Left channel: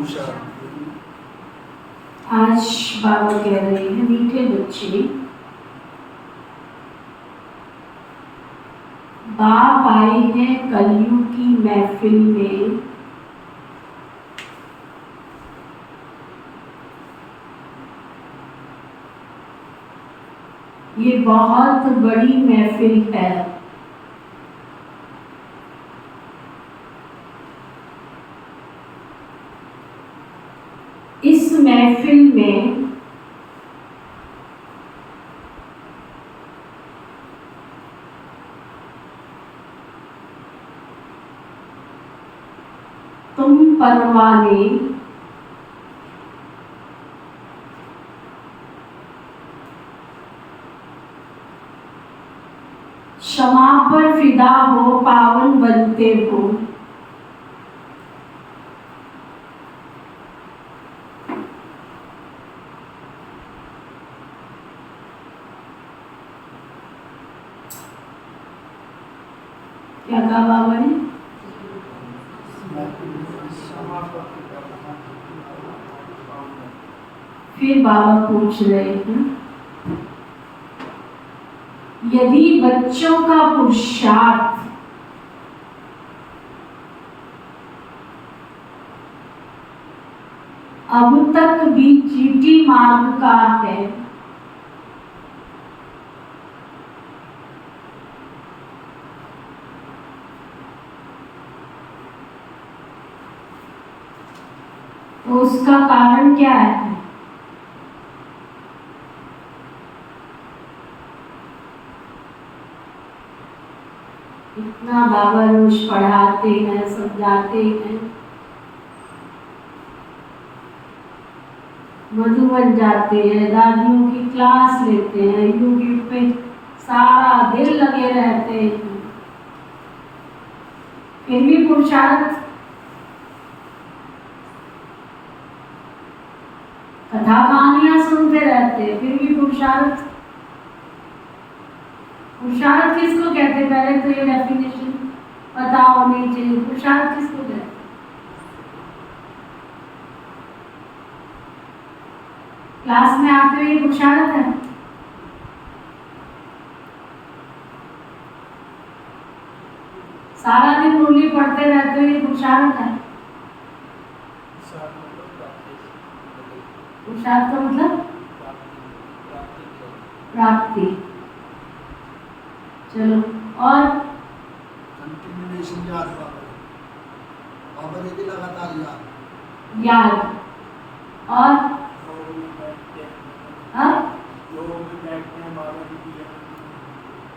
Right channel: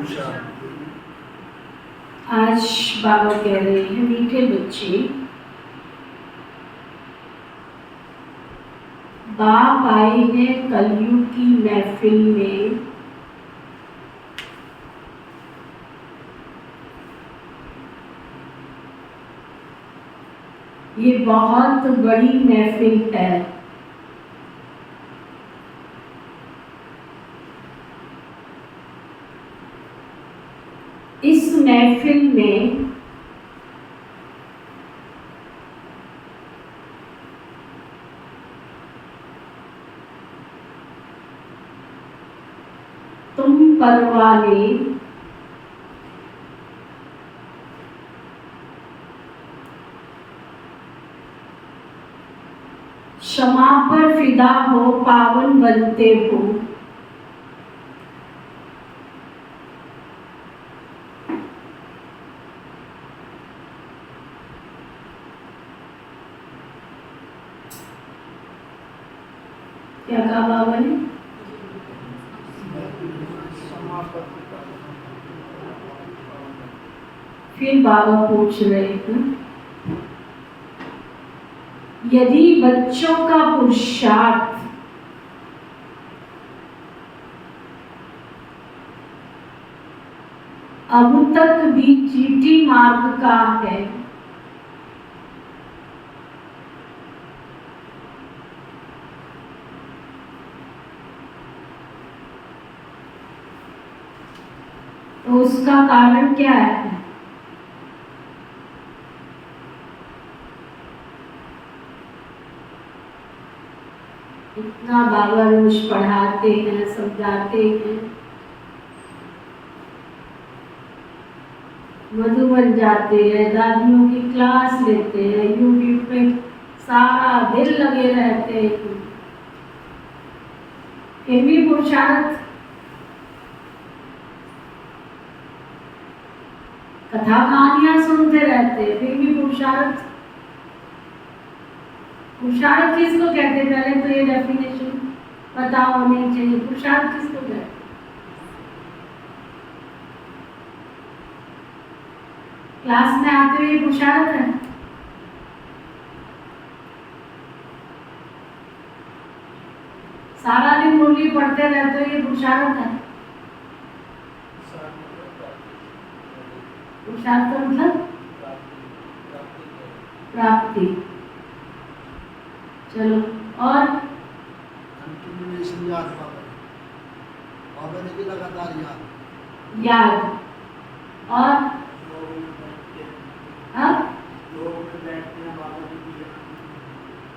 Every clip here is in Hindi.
आज बाबा कह रहे हैं, मीठे बच्चे, बाप आए हैं कलयुग की महफिल में। ये बहुत बड़ी महफिल है। इस महफिल में तुम परवाने क्षमा पर फिदा हो, पावन बनते हो। क्या कहा बाबा ने? फिर बाबा पूछ रहे हैं, यदि बच्चों का पुरुषार्थ अब तक भी चीटी मार्ग का है, तो उसका कारण क्या है? इतना बाबा रोज पढ़ाते हैं, समझाते हैं, मधुबन जाते हैं, दादियों की क्लास लेते हैं, यूट्यूब पे सारा दिन लगे रहते हैं, फिर भी पुरुषार्थ, कथा कहानियां सुनते रहते हैं, फिर भी पुरुषार्थ। पुरुषार्थ किसको कहते हैं? पहले तो ये डेफिनेशन पता होनी चाहिए। पुरुषार्थ किसको कहते हैं? क्लास में आते हुए पुरुषार्थ है? सारा दिन मुरली पढ़ते रहते हुए पुरुषार्थ है? पुरुषार्थ का मतलब प्राप्ति। चलो, और कंटिन्यूएशन याद, लगातार याद, और हाँ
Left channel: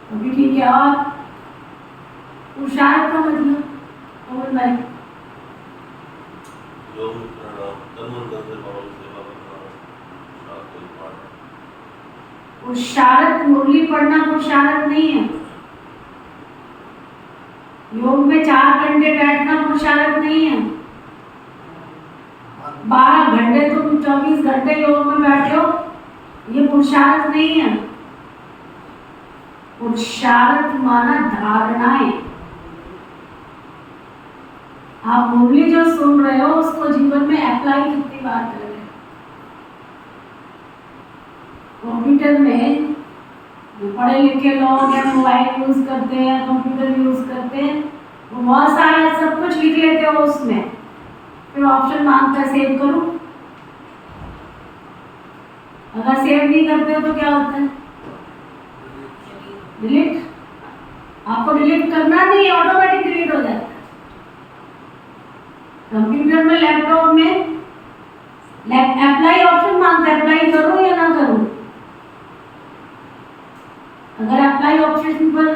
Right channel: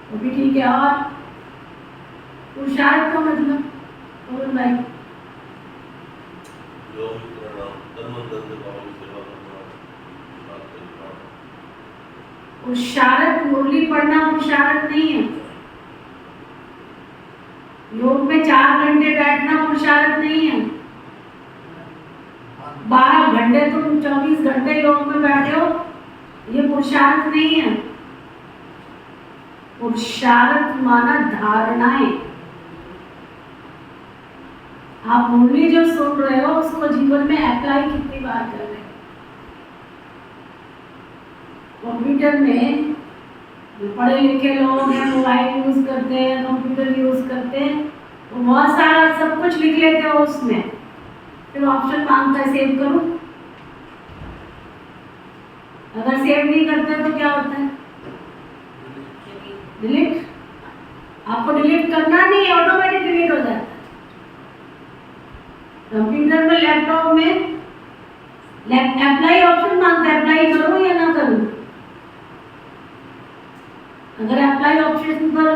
तो भी ठीक है। और पुरुषार्थ का मतलब कौन भाई? पुरुषार्थ मुरली पढ़ना पुरुषार्थ नहीं है। योग में 4 घंटे बैठना पुरुषार्थ नहीं है। 12 घंटे तुम 24 घंटे योग में बैठे हो, ये पुरुषार्थ नहीं है। पुरुषार्थ माना धारणाएं। आप मुरली जो सुन रहे हो उसको जीवन में अप्लाई कितनी बार कर रहे हो? कंप्यूटर में जो पढ़े लिखे लोग हैं, मोबाइल यूज करते हैं, कंप्यूटर यूज करते हैं, वो बहुत सारा सब कुछ लिख लेते हो उसमें, फिर ऑप्शन मांगता है सेव करो। अगर सेव नहीं करते हो तो क्या होता है? डिलीट। आपको डिलीट करना नहीं, ऑटोमेटिक डिलीट हो जाता है। कंप्यूटर में, लैपटॉप में अप्लाई ऑप्शन मांगता है, अप्लाई करूं या ना करूं। अगर अप्लाई ऑप्शन पर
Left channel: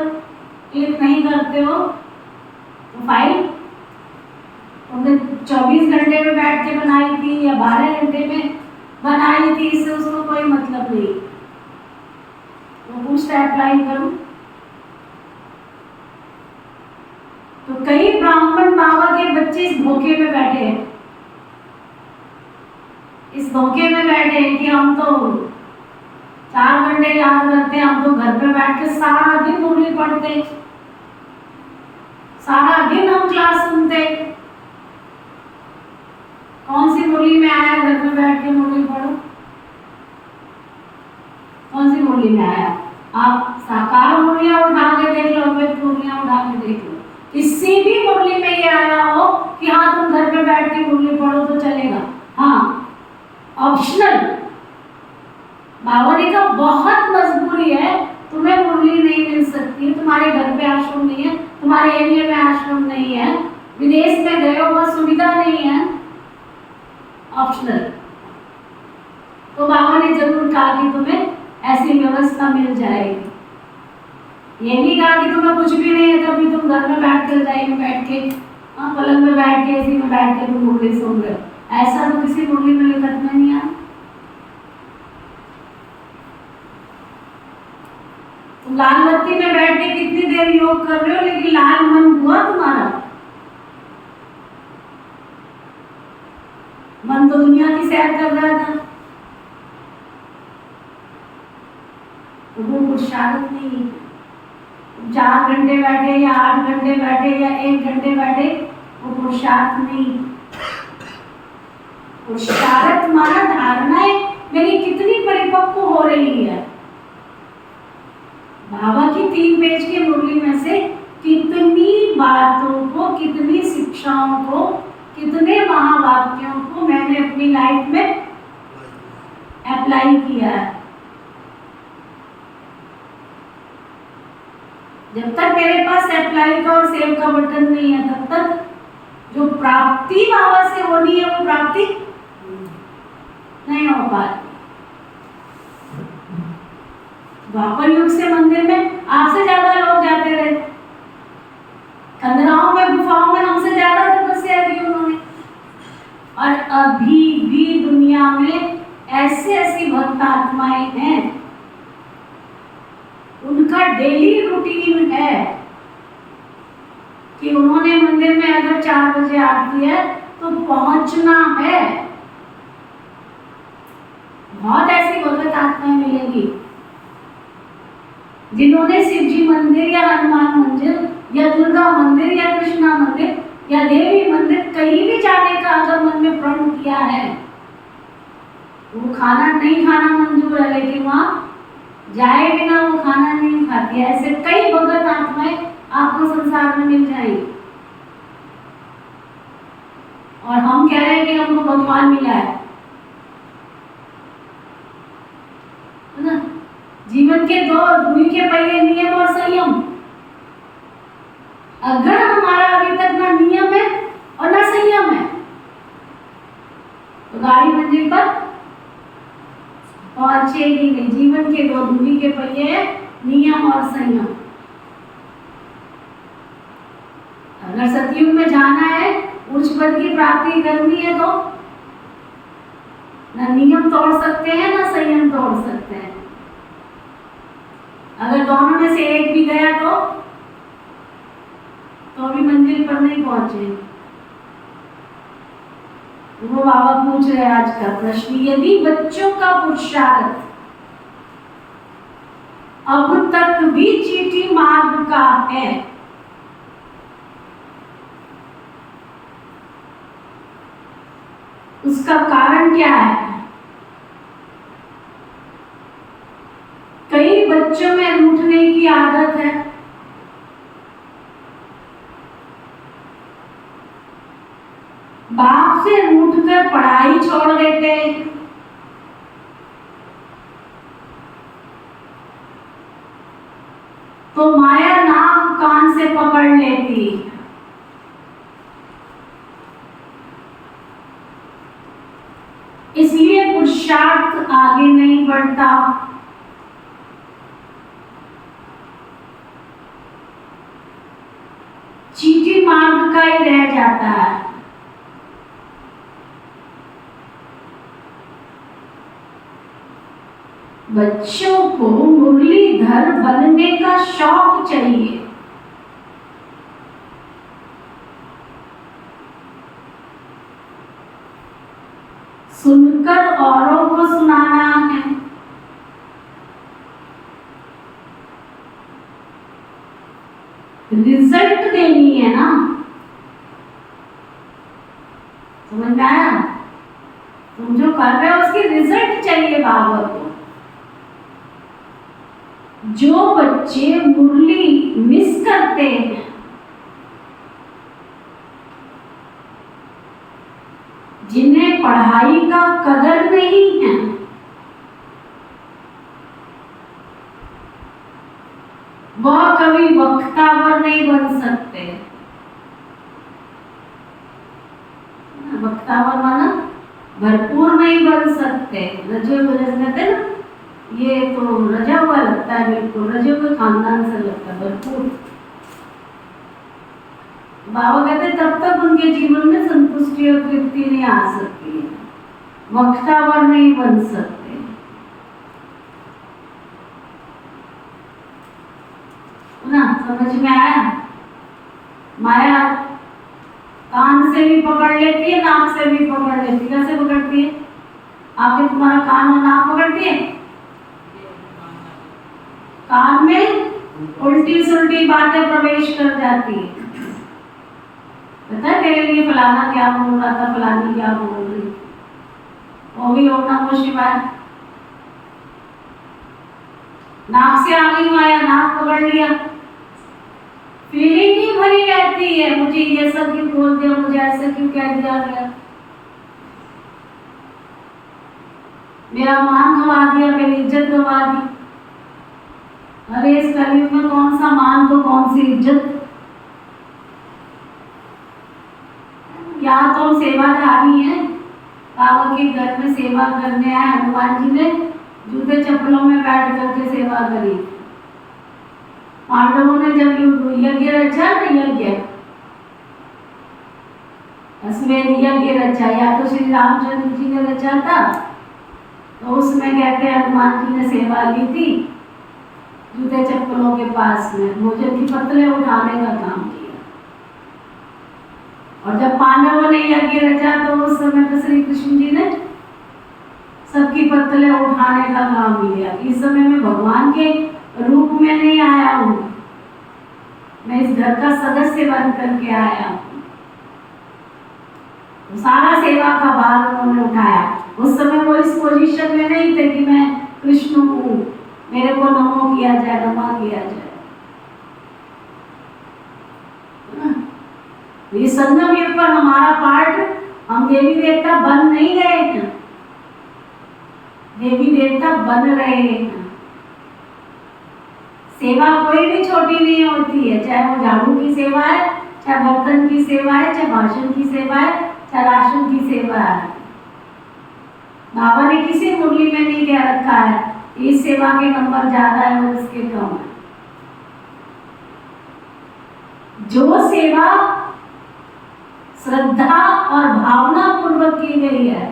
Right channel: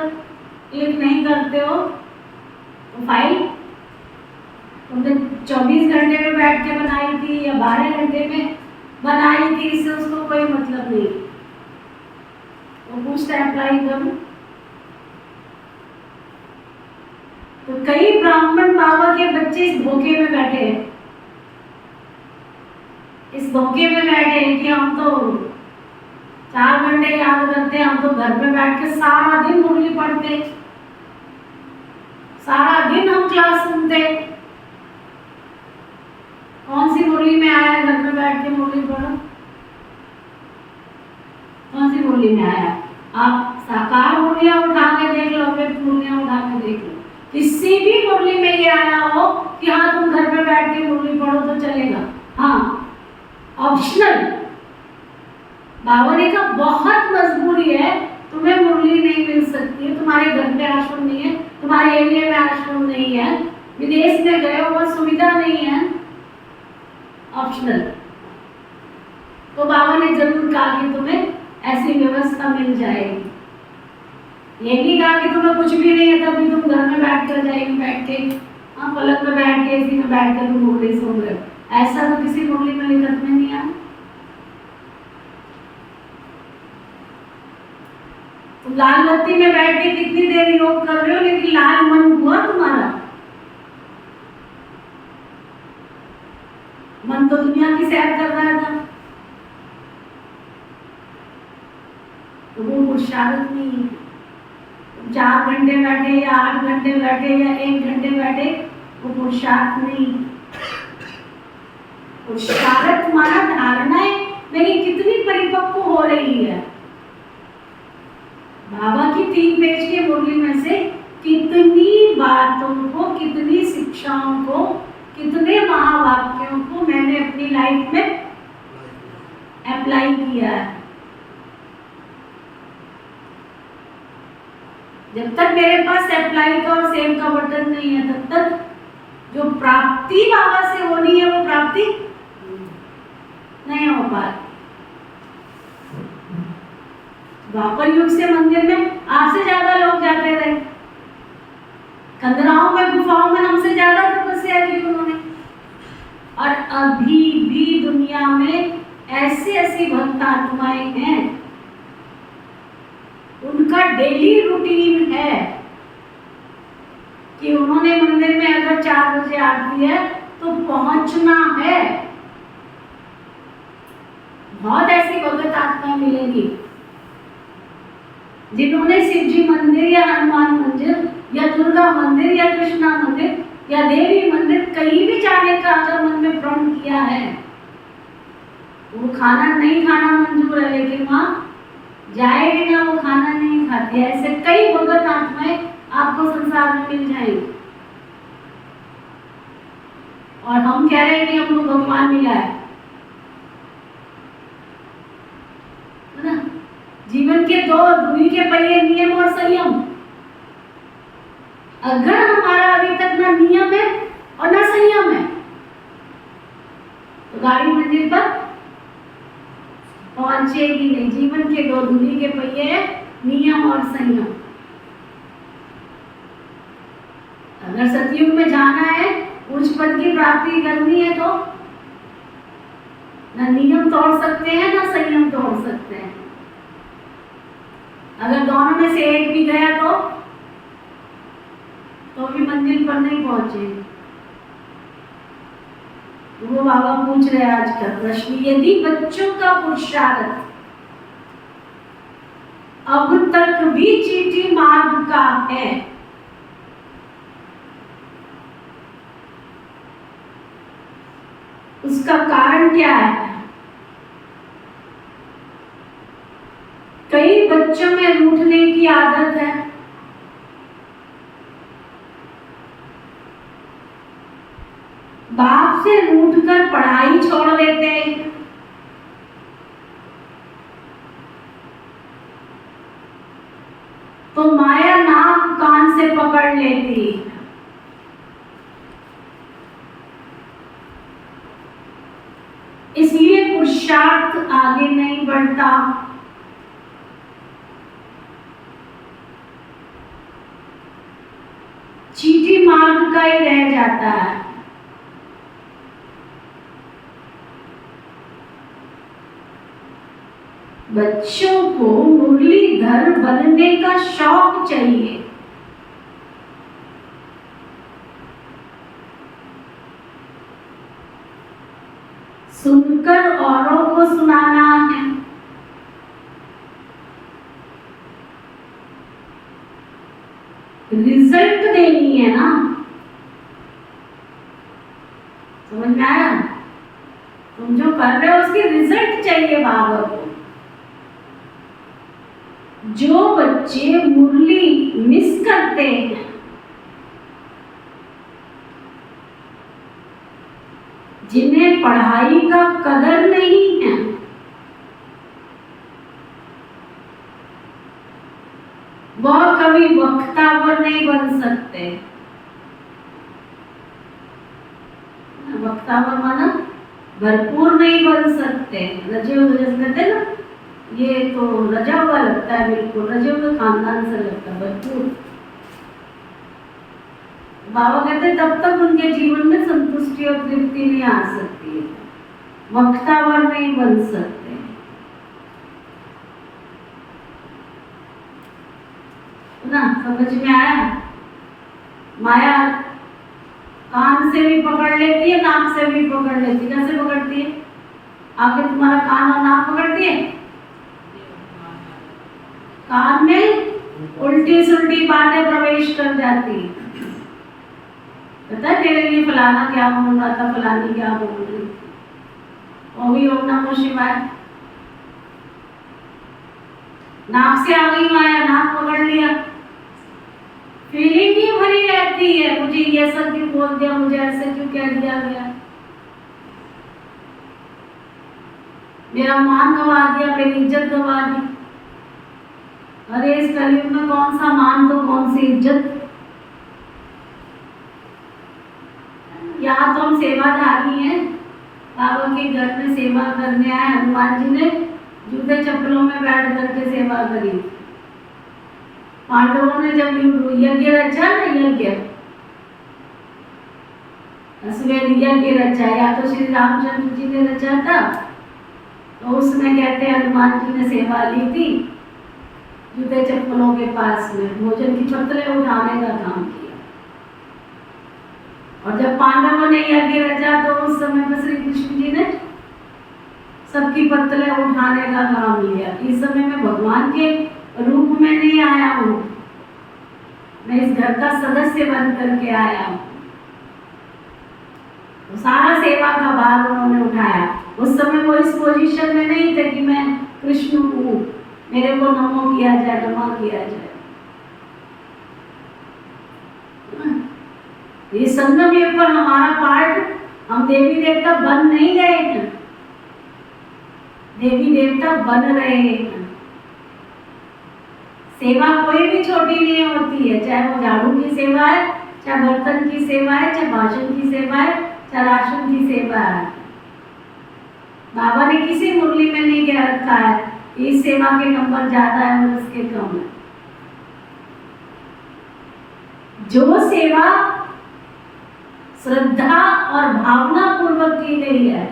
क्लिक नहीं करते हो तो फाइल तुमने 24 घंटे में बैठ के बनाई थी या 12 घंटे में बनाई थी, इससे उसको कोई मतलब नहीं। तो पूछता है अप्लाई करूं। तो कई ब्राह्मण बाबा के बच्चे इस धोखे में बैठे हैं, इस धोखे में बैठे हैं कि हम तो 4 घंटे याद करते हैं, हम तो घर पे बैठ के सारा दिन मुरली पढ़ते, सारा दिन हम क्लास सुनते, कौन सी मुरली में आया घर में बैठ के मुरली पढ़ो? कौन सी मुरली में आया? आप साकार मुरलियां उठा के देख लो, व्यक्त मुरलियां उठा के देख लो, किसी भी मुरली में ये आया हो कि हाँ तुम घर पे बैठ के मुरली पढ़ो तो चलेगा। हाँ, ऑप्शनल। बाबा ने कहा बहुत मजबूरी है, तुम्हें मुरली नहीं मिल सकती, तुम्हारे घर पे आश्रम नहीं है, तुम्हारे एरिया में आश्रम नहीं है, विदेश में गए हो बस सुविधा नहीं है, ऑप्शनल। तो बाबा ने जरूर कहा कि तुम्हें ऐसी व्यवस्था मिल जाएगी। ये नहीं कहा कि तुम्हें कुछ भी नहीं है तभी तुम घर में बैठ कर जाएगी, बैठ के पलंग में बैठ के इसी में बैठ कर तुम मुरली सुन रहे हो। ऐसा तो किसी मुरली में लिखत में नहीं आया। तुम लाल बत्ती में बैठ के कितनी देर योग कर रहे हो, लेकिन लाल मन हुआ तुम्हारा? मन तो दुनिया की सैर कर रहा था। तो वो पुरुषार्थ नहीं। 4 घंटे बैठे या 8 घंटे बैठे या 1 घंटे बैठे, वो पुरुषार्थ नहीं। पुरुषार्थ तुम्हारा धारणाएं मेरी कितनी परिपक्व हो रही है। बाबा की 3 पेज की मुरली में से कितनी बातों को, कितनी शिक्षाओं को, कितने महावाक्यों को मैंने अपनी लाइफ में अप्लाई किया है। जब तक मेरे पास अप्लाई का और सेव का बटन नहीं है, तब तक जो प्राप्ति बाबा से होनी है वो प्राप्ति नहीं हो पाती। द्वापर युग से मंदिर में आपसे ज्यादा लोग जाते रहे, खंडराओं में, गुफाओं में हमसे ज्यादा तपस्या की उन्होंने। और अभी भी दुनिया में ऐसी भक्त आत्माएं हैं, उनका डेली रूटीन है कि उन्होंने मंदिर में अगर 4 बजे आरती है तो पहुंचना है। बहुत ऐसी भक्त आत्माएं मिलेंगी जिन्होंने शिव जी मंदिर या हनुमान मंदिर या दुर्गा मंदिर या कृष्णा मंदिर या देवी मंदिर कहीं भी जाने का अगर मन में प्रण किया है, वो खाना नहीं खाना मंजूर है, लेकिन वहां जाए बिना वो खाना नहीं खाती। ऐसे कई भगत आत्माएं आपको संसार में मिल जाएंगी। और हम कह रहे हैं कि हमको भगवान मिला है ना। जीवन के 2 धुरी के पहिए, नियम और संयम। अगर हमारा अभी तक ना नियम है और ना संयम है तो गाड़ी मंजिल पर पहुंचेगी नहीं। जीवन के 2 धुरी के पहिए, नियम और संयम। अगर सतयुग में जाना है, उच्च पद की प्राप्ति करनी है, तो ना नियम तोड़ सकते हैं ना संयम तोड़ सकते हैं। अगर दोनों में से एक भी गया तो भी मंजिल पर नहीं पहुंचे। वो बाबा पूछ रहे आज का प्रश्न, यदि बच्चों का पुरुषार्थ अब तक भी चीटी मार्ग का है, उसका कारण क्या है? कई बच्चों में रूठने की आदत है। बाप से रूठकर पढ़ाई छोड़ देते हैं। तो माया नाक कान से पकड़ लेती। इसलिए पुरुषार्थ आगे नहीं बढ़ता। चीटी मार्ग का ही रह जाता है। बच्चों को मुरलीधर बनने का शौक चाहिए। सुनकर औरों को सुनाना है। रिजल्ट देनी है ना। समझ में आया? कहावत हो, जो बच्चे मुरली मिस करते हैं, जिन्हें पढ़ाई का कदर नहीं है, वह कभी वक्तावर नहीं बन सकते। वक्तावर माना भरपूर नहीं बन सकते। रजे हुए कहते हैं ना, ये तो रजा हुआ लगता है, बिल्कुल रजे हुए खानदान से लगता है भरपूर। बाबा कहते तब तक उनके जीवन में संतुष्टि और तृप्ति नहीं आ सकती है, वक्तावर नहीं बन सकते। ना समझ में आया? माया कान से भी पकड़ लेती है, नाक से भी पकड़ लेती है। कैसे पकड़ती है? आखिर तुम्हारा कान और नाक पकड़ती है, कान में उल्टी सुल्टी बातें प्रवेश कर जाती है। पता है तेरे लिए फलाना क्या बोल रहा था, फलानी क्या बोल रही थी, वो भी ओम नमः शिवाय। नाक से आ गई माया, नाक पकड़ लिया, फीलिंग ही भरी रहती है, मुझे ये सब क्यों बोल दिया, मुझे ऐसे क्यों कह दिया गया, मेरा मान गवा दिया, मेरी इज्जत गवा दी। अरे इस कलयुग में कौन सा मान तो कौन सी इज्जत। क्या तो हम सेवाधारी हैं, बाबा के घर में सेवा करने आए। हनुमान जी ने जूते चप्पलों में बैठ करके सेवा करी। पांडवों ने जब यज्ञ रचा ना, यज्ञ अश्वमेध यज्ञ रचा, या तो श्री रामचंद्र जी ने रचा था, तो उसमें कहते हैं हनुमान जी ने सेवा ली थी जूते चप्पलों के पास में, भोजन की पत्तलें उठाने का काम किया। और जब पांडवों ने यज्ञ रचा तो उस समय तो श्री कृष्ण जी ने सबकी पत्तलें उठाने का काम लिया। इस समय मैं भगवान के रूप में नहीं आया हूँ, मैं इस घर का सदस्य बन करके आया हूँ। तो सारा सेवा का भार उन्होंने उठाया। उस समय वो इस पोजीशन में नहीं थे कि मैं कृष्ण हूँ, मेरे को नमो किया जाए, नमा किया जाए। ये संगम युग पर हमारा पार्ट, हम देवी देवता बन नहीं गए हैं, देवी देवता बन रहे हैं। सेवा कोई भी छोटी नहीं होती है, चाहे वो झाड़ू की सेवा है, चाहे बर्तन की सेवा है, चाहे भाषण की सेवा है, चाहे राशन की सेवा है। बाबा ने किसी मुरली में नहीं कह रखा है इस सेवा के नंबर ज्यादा है और इसके कम है। जो सेवा श्रद्धा और भावना पूर्वक की गई है,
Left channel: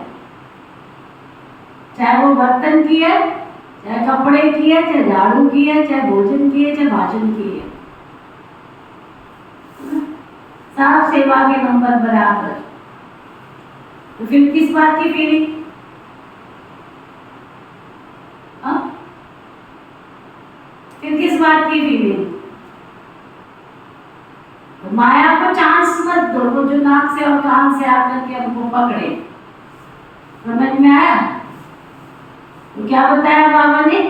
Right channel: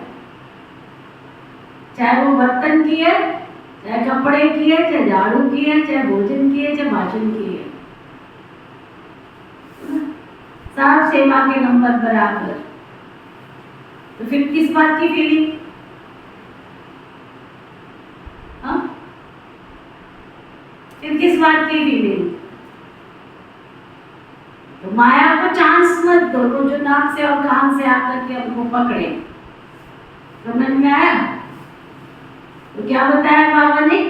चाहे वो बर्तन की है, चाहे कपड़े की है, चाहे झाड़ू की है, चाहे भोजन की है, चाहे भाषण की है, सब सेवा के नंबर बराबर। तो फिर किस बात की फीलिंग? फिर किस बात की फीलिंग? तो माया को चांस मत दो, वो जो नाक से और कान से आकर के हमको पकड़े। समझ में आया? तो क्या बताया बाबा ने?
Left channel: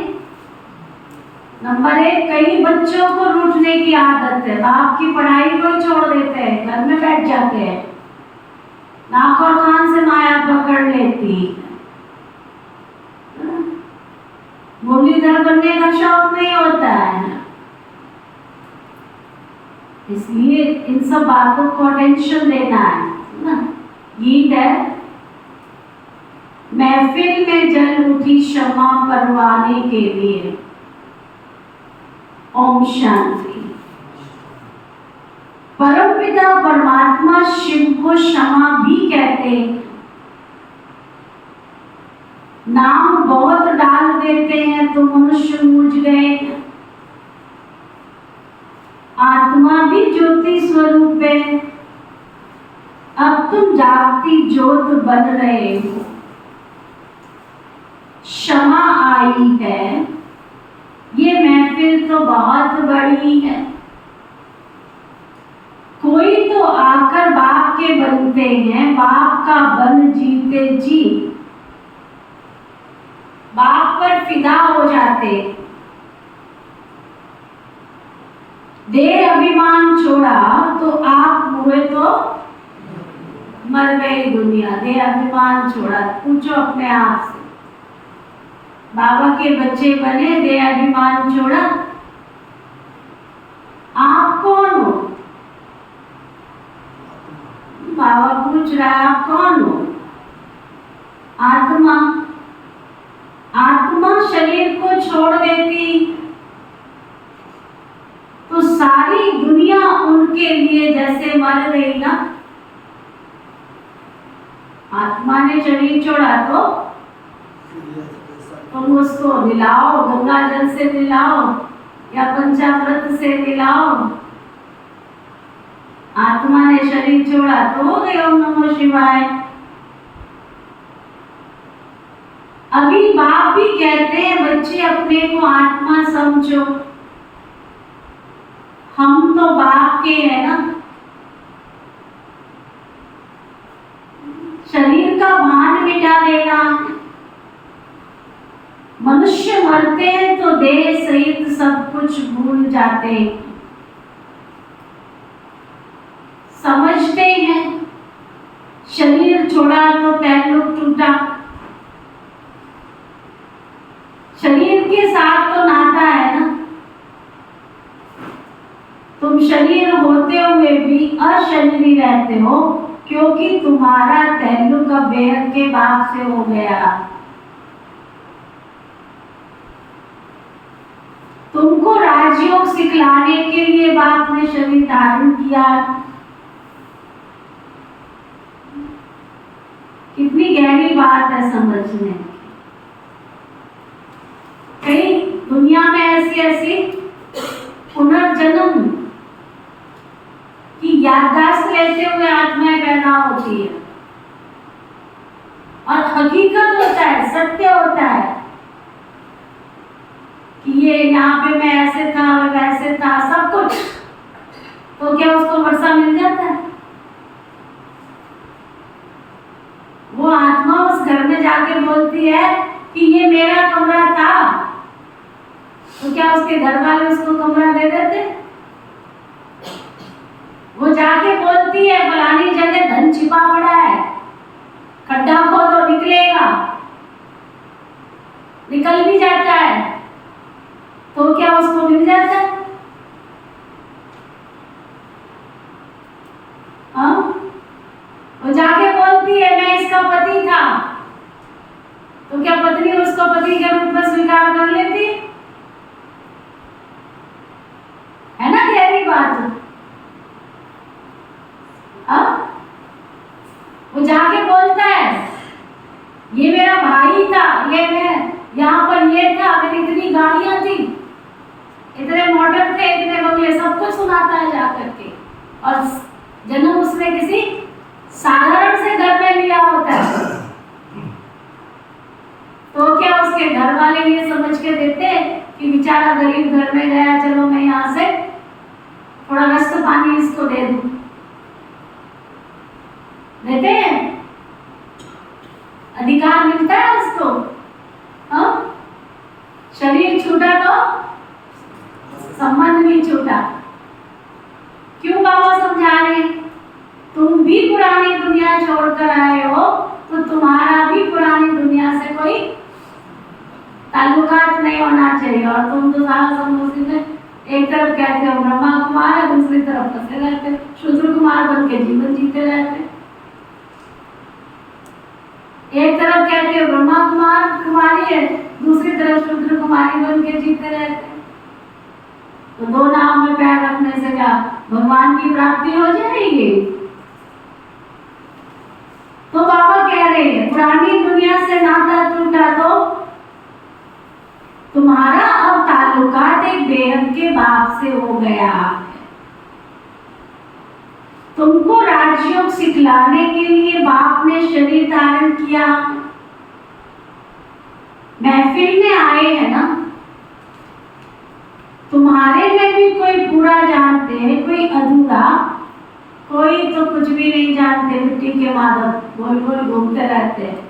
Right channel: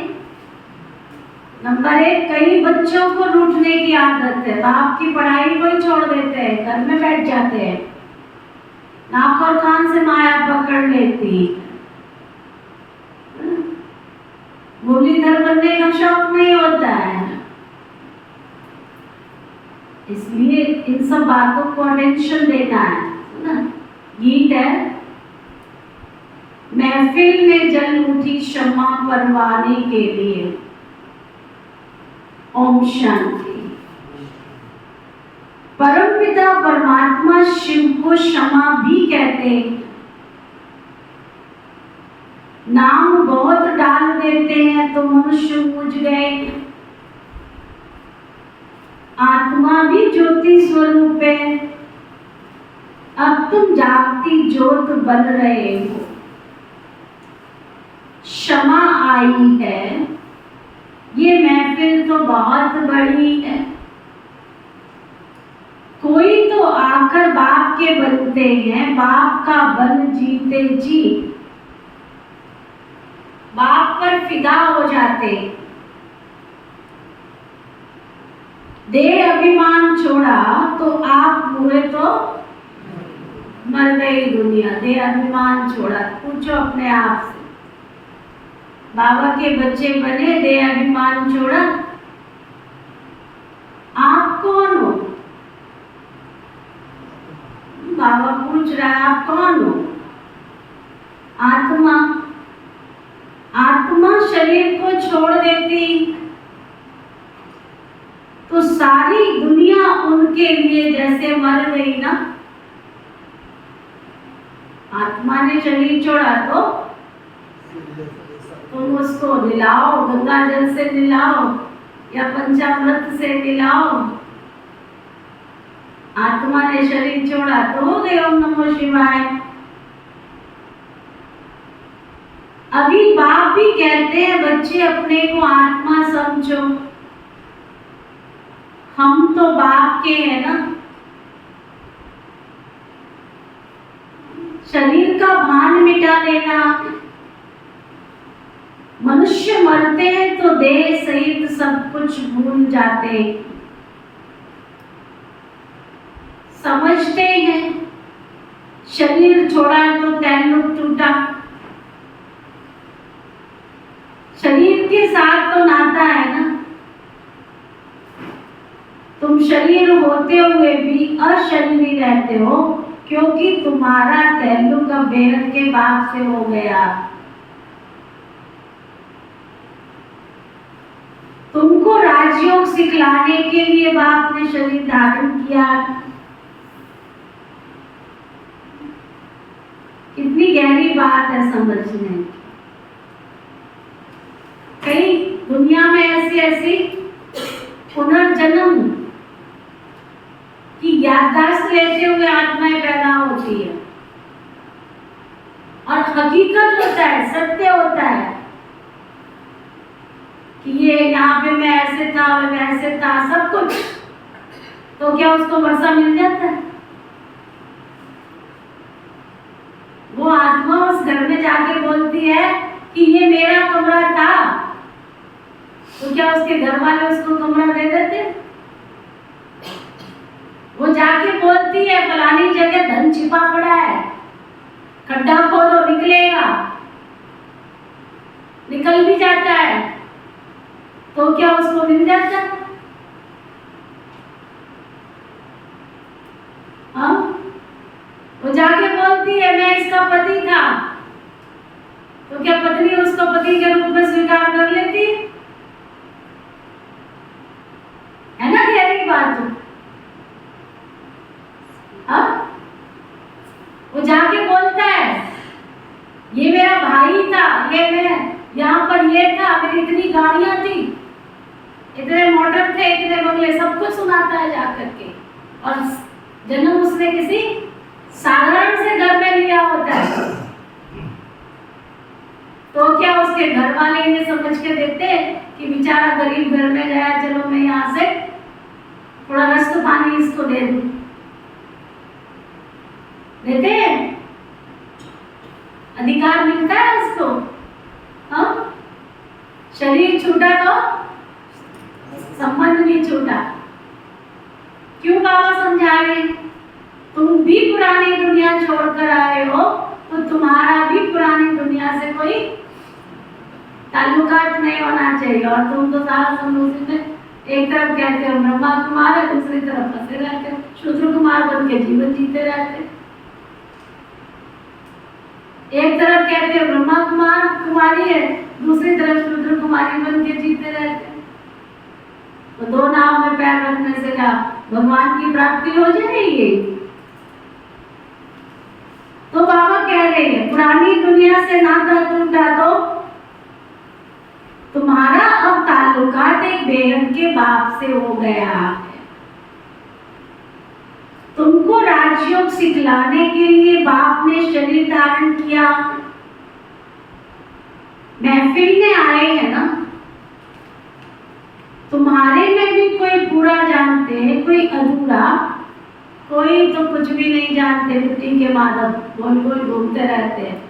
नंबर 1, कई बच्चों को रूठने की आदत है, बाप की पढ़ाई को छोड़ देते हैं, घर में बैठ जाते हैं, नाक और कान से माया पकड़ लेती। मुरलीधर बनने का शौक नहीं होता है, इसलिए इन सब बातों को अटेंशन देना है ना। गीत है, महफिल में जल उठी क्षमा परवाने के लिए, ओम शांति। परमपिता परमात्मा शिव को क्षमा भी कहते हैं। नाम बहुत डाल देते हैं तो मनुष्य मूझ गए, आत्मा भी ज्योति स्वरूप है, अब तुम जागती ज्योत बन रहे हो। क्षमा आई है, ये महफिल तो बहुत बड़ी है, कोई तो आकर बाप के बनते हैं, बाप का बन जीते जी। बाप पर फिदा हो जाते, देह अभिमान छोड़ा तो आप हुए तो मर गई दुनिया। देह अभिमान छोड़ा, पूछो अपने आप से, बाबा के बच्चे बने, देह अभिमान छोड़ा, आप कौन हो? बाबा पूछ रहा है आप कौन हो? आत्मा। आत्मा शरीर को छोड़ देती तो सारी दुनिया उनके लिए जैसे मर गई ना। आत्मा ने शरीर छोड़ा तो तुम उसको मिलाओ, गंगा जल से मिलाओ या पंचामृत से मिलाओ। आत्मा ने शरीर छोड़ा तो हो गए ओम नमो शिवाय। अभी बाप भी कहते हैं बच्चे अपने को आत्मा समझो, हम तो बाप के हैं ना। शरीर का भान मिटा देना। मनुष्य मरते हैं तो देह सहित सब कुछ भूल जाते हैं, समझते हैं शरीर छोड़ा तो तैल्लुक टूटा। शरीर के साथ तो नाता है ना। तुम शरीर होते हुए भी अशरीरी रहते हो क्योंकि तुम्हारा तैल्लुक अब बेहद के बाप से हो गया। तुमको राजयोग सिखलाने के लिए बाप ने शरीर धारण किया। कितनी गहरी बात है समझने की। कई दुनिया में ऐसी ऐसी पुनर्जन्म की याददाश्त लेते हुए आत्माएं पैदा होती है और हकीकत होता है, सत्य होता है कि ये यहाँ पे मैं ऐसे था, मैं वैसे था, सब कुछ। तो क्या उसको वर्षा मिल जाता है? वो आत्मा उस घर में जाके बोलती है कि ये मेरा कमरा था, तो क्या उसके घर वाले उसको कमरा दे देते? वो जाके बोलती है फलानी जगह धन छिपा पड़ा है, खड्डा खोदो निकलेगा, निकल भी जाता है, तो क्या उसको मिल जाता? हाँ, वो जाके बोलती है मैं इसका पति था, तो क्या पत्नी उसको पति के रूप में स्वीकार कर लेती? है ना गहरी बात। वो जाके बोलता है ये मेरा भाई था, ये मैं यहाँ पर ये था, मेरी इतनी गाड़ियां थी, इतने मोटर थे, इतने बंगले, सब कुछ सुनाता है जाकर के। और जन्म उसने किसी साधारण से घर में लिया होता है, तो क्या उसके घर वाले ये समझ के देते कि बेचारा गरीब घर में गया, चलो मैं यहाँ से थोड़ा रस्त पानी इसको दे दूं? देते हैं? अधिकार मिलता है उसको? हाँ, शरीर छूटा तो संबंध भी छूटा। क्यों बाबा समझा रहे? तुम भी पुरानी दुनिया छोड़कर आए हो तो तुम्हारा भी पुरानी दुनिया से कोई ताल्लुकात नहीं होना चाहिए। और तुम तो सारा समझ में एक तरफ कहते हो ब्रह्मा कुमार है, दूसरी तरफ फंसे रहते, शूद्र कुमार बन के जीवन जीते रहते। एक तरफ कहते हो ब्रह्मा कुमार कुमारी है, दूसरी तरफ शूद्र कुमारी बन के जीते रहते। तो दो नाव में पैर रखने से क्या भगवान की प्राप्ति हो जाएगी? तो बाबा कह रहे हैं पुरानी दुनिया से नाता टूटा तो तुम्हारा अब ताल्लुकात एक बेहद के बाप से हो गया है। तुमको राजयोग सिखलाने के लिए बाप ने शरीर धारण किया। महफिल में आए हैं ना, तुम्हारे में भी कोई पूरा जानते हैं, कोई अधूरा, कोई तो कुछ भी नहीं जानते, मिट्टी के माधव गोल गोल घूमते रहते हैं।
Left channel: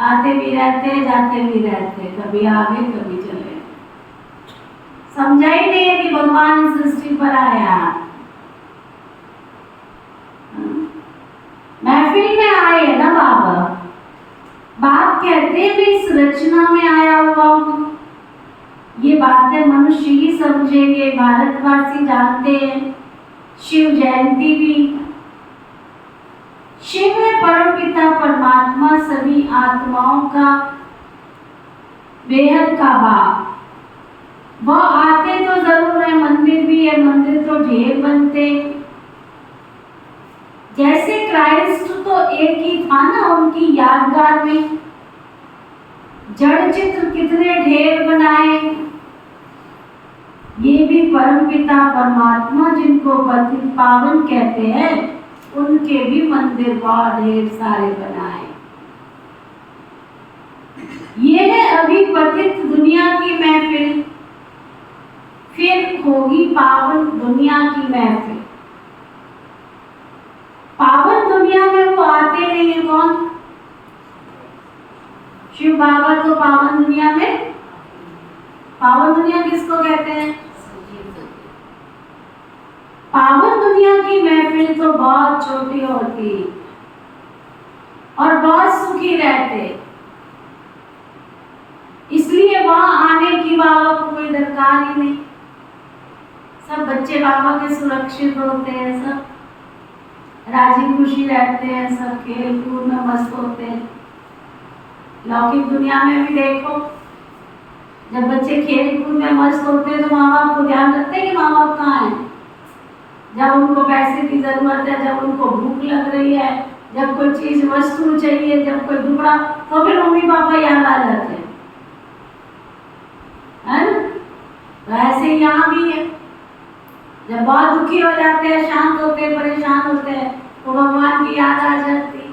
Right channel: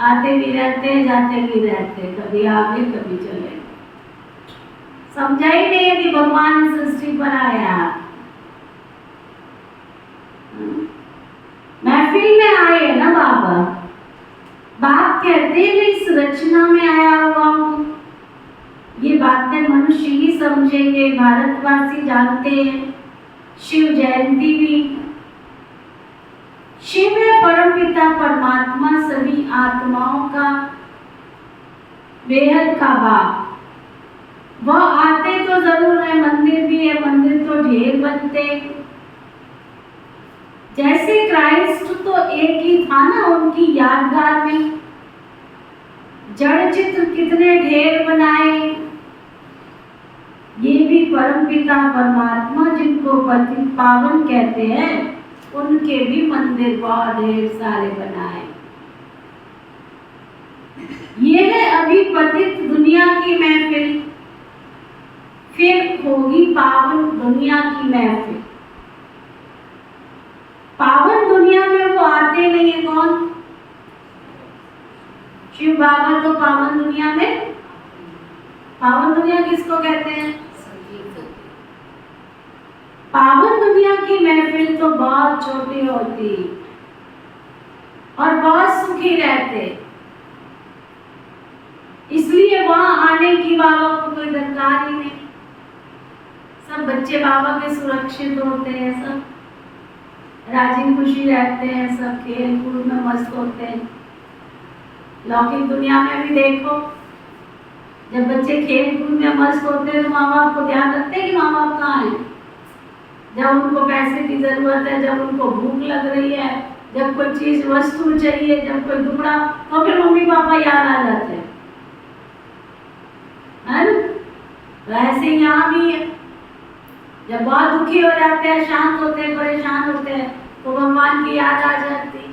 आते भी रहते हैं, जाते भी रहते हैं, कभी आगे कभी चले। समझा ही नहीं है कि भगवान इस सृष्टि पर आया। महफिल में आए ना बाबा, बाप कहते हैं मैं इस रचना में आया हुआ हूँ। ये बातें मनुष्य ही समझेंगे, भारतवासी जानते हैं। शिव जयंती भी, शिव है परमपिता परमात्मा, सभी आत्माओं का बेहद का बाप। वह आते तो जरूर है, मंदिर भी है, मंदिर तो ढेर बनते। जैसे क्राइस्ट तो एक ही था ना, उनकी यादगार में जड़ चित्र कितने ढेर बनाए। ये भी परमपिता परमात्मा जिनको पतित पावन कहते हैं, उनके भी मंदिर बहुत ढेर सारे बनाए। ये है अभी पतित दुनिया की महफिल, फिर होगी पावन दुनिया की महफिल। पावन दुनिया में वो आते नहीं है कौन? शिव बाबा तो पावन दुनिया में, पावन दुनिया किसको कहते हैं? पावन दुनिया की महफिल तो बहुत छोटी होती और बहुत सुखी रहते, इसलिए वहां आने की बाबा को कोई दरकार ही नहीं। सब बच्चे बाबा के सुरक्षित होते हैं, सब राजी खुशी रहते हैं, सब खेल कूद में मस्त होते हैं। लौकिक दुनिया में भी देखो, जब बच्चे खेल कूद में मस्त होते हैं तो माँ बाप को ध्यान रखते हैं कि माँ बाप कहाँ हैं। जब उनको पैसे की जरूरत है, जब उनको भूख लग रही है, जब कोई चीज वस्तु चाहिए, जब कोई दुबड़ा, तो फिर मम्मी पापा याद आ जाते हैं, है ना? तो ऐसे यहाँ भी है, जब बहुत दुखी हो जाते हैं, शांत होते हैं, परेशान होते हैं, तो भगवान की याद आ जाती है।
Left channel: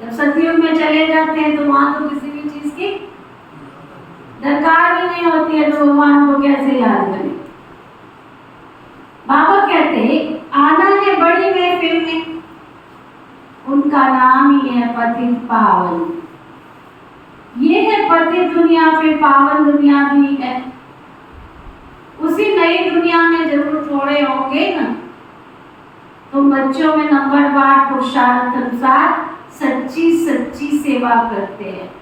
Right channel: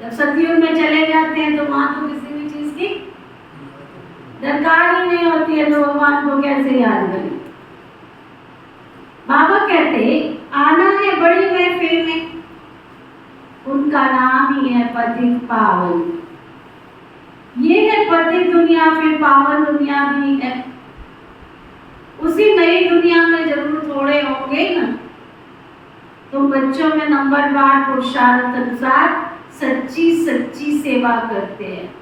जब सतयुग में चले जाते हैं तो वहां तो किसी भी चीज की दरकार ही नहीं होती है, तो भगवान को कैसे याद करें। बाबा कहते आना है बड़ी महफिल में, उनका नाम ही है पतित पावन। ये है पतित दुनिया, फिर पावन दुनिया भी है। उसी नई दुनिया में जरूर थोड़े होंगे ना, तुम बच्चों में नंबरवार पुरुषार्थ अनुसार सच्ची सच्ची सेवा करते हैं।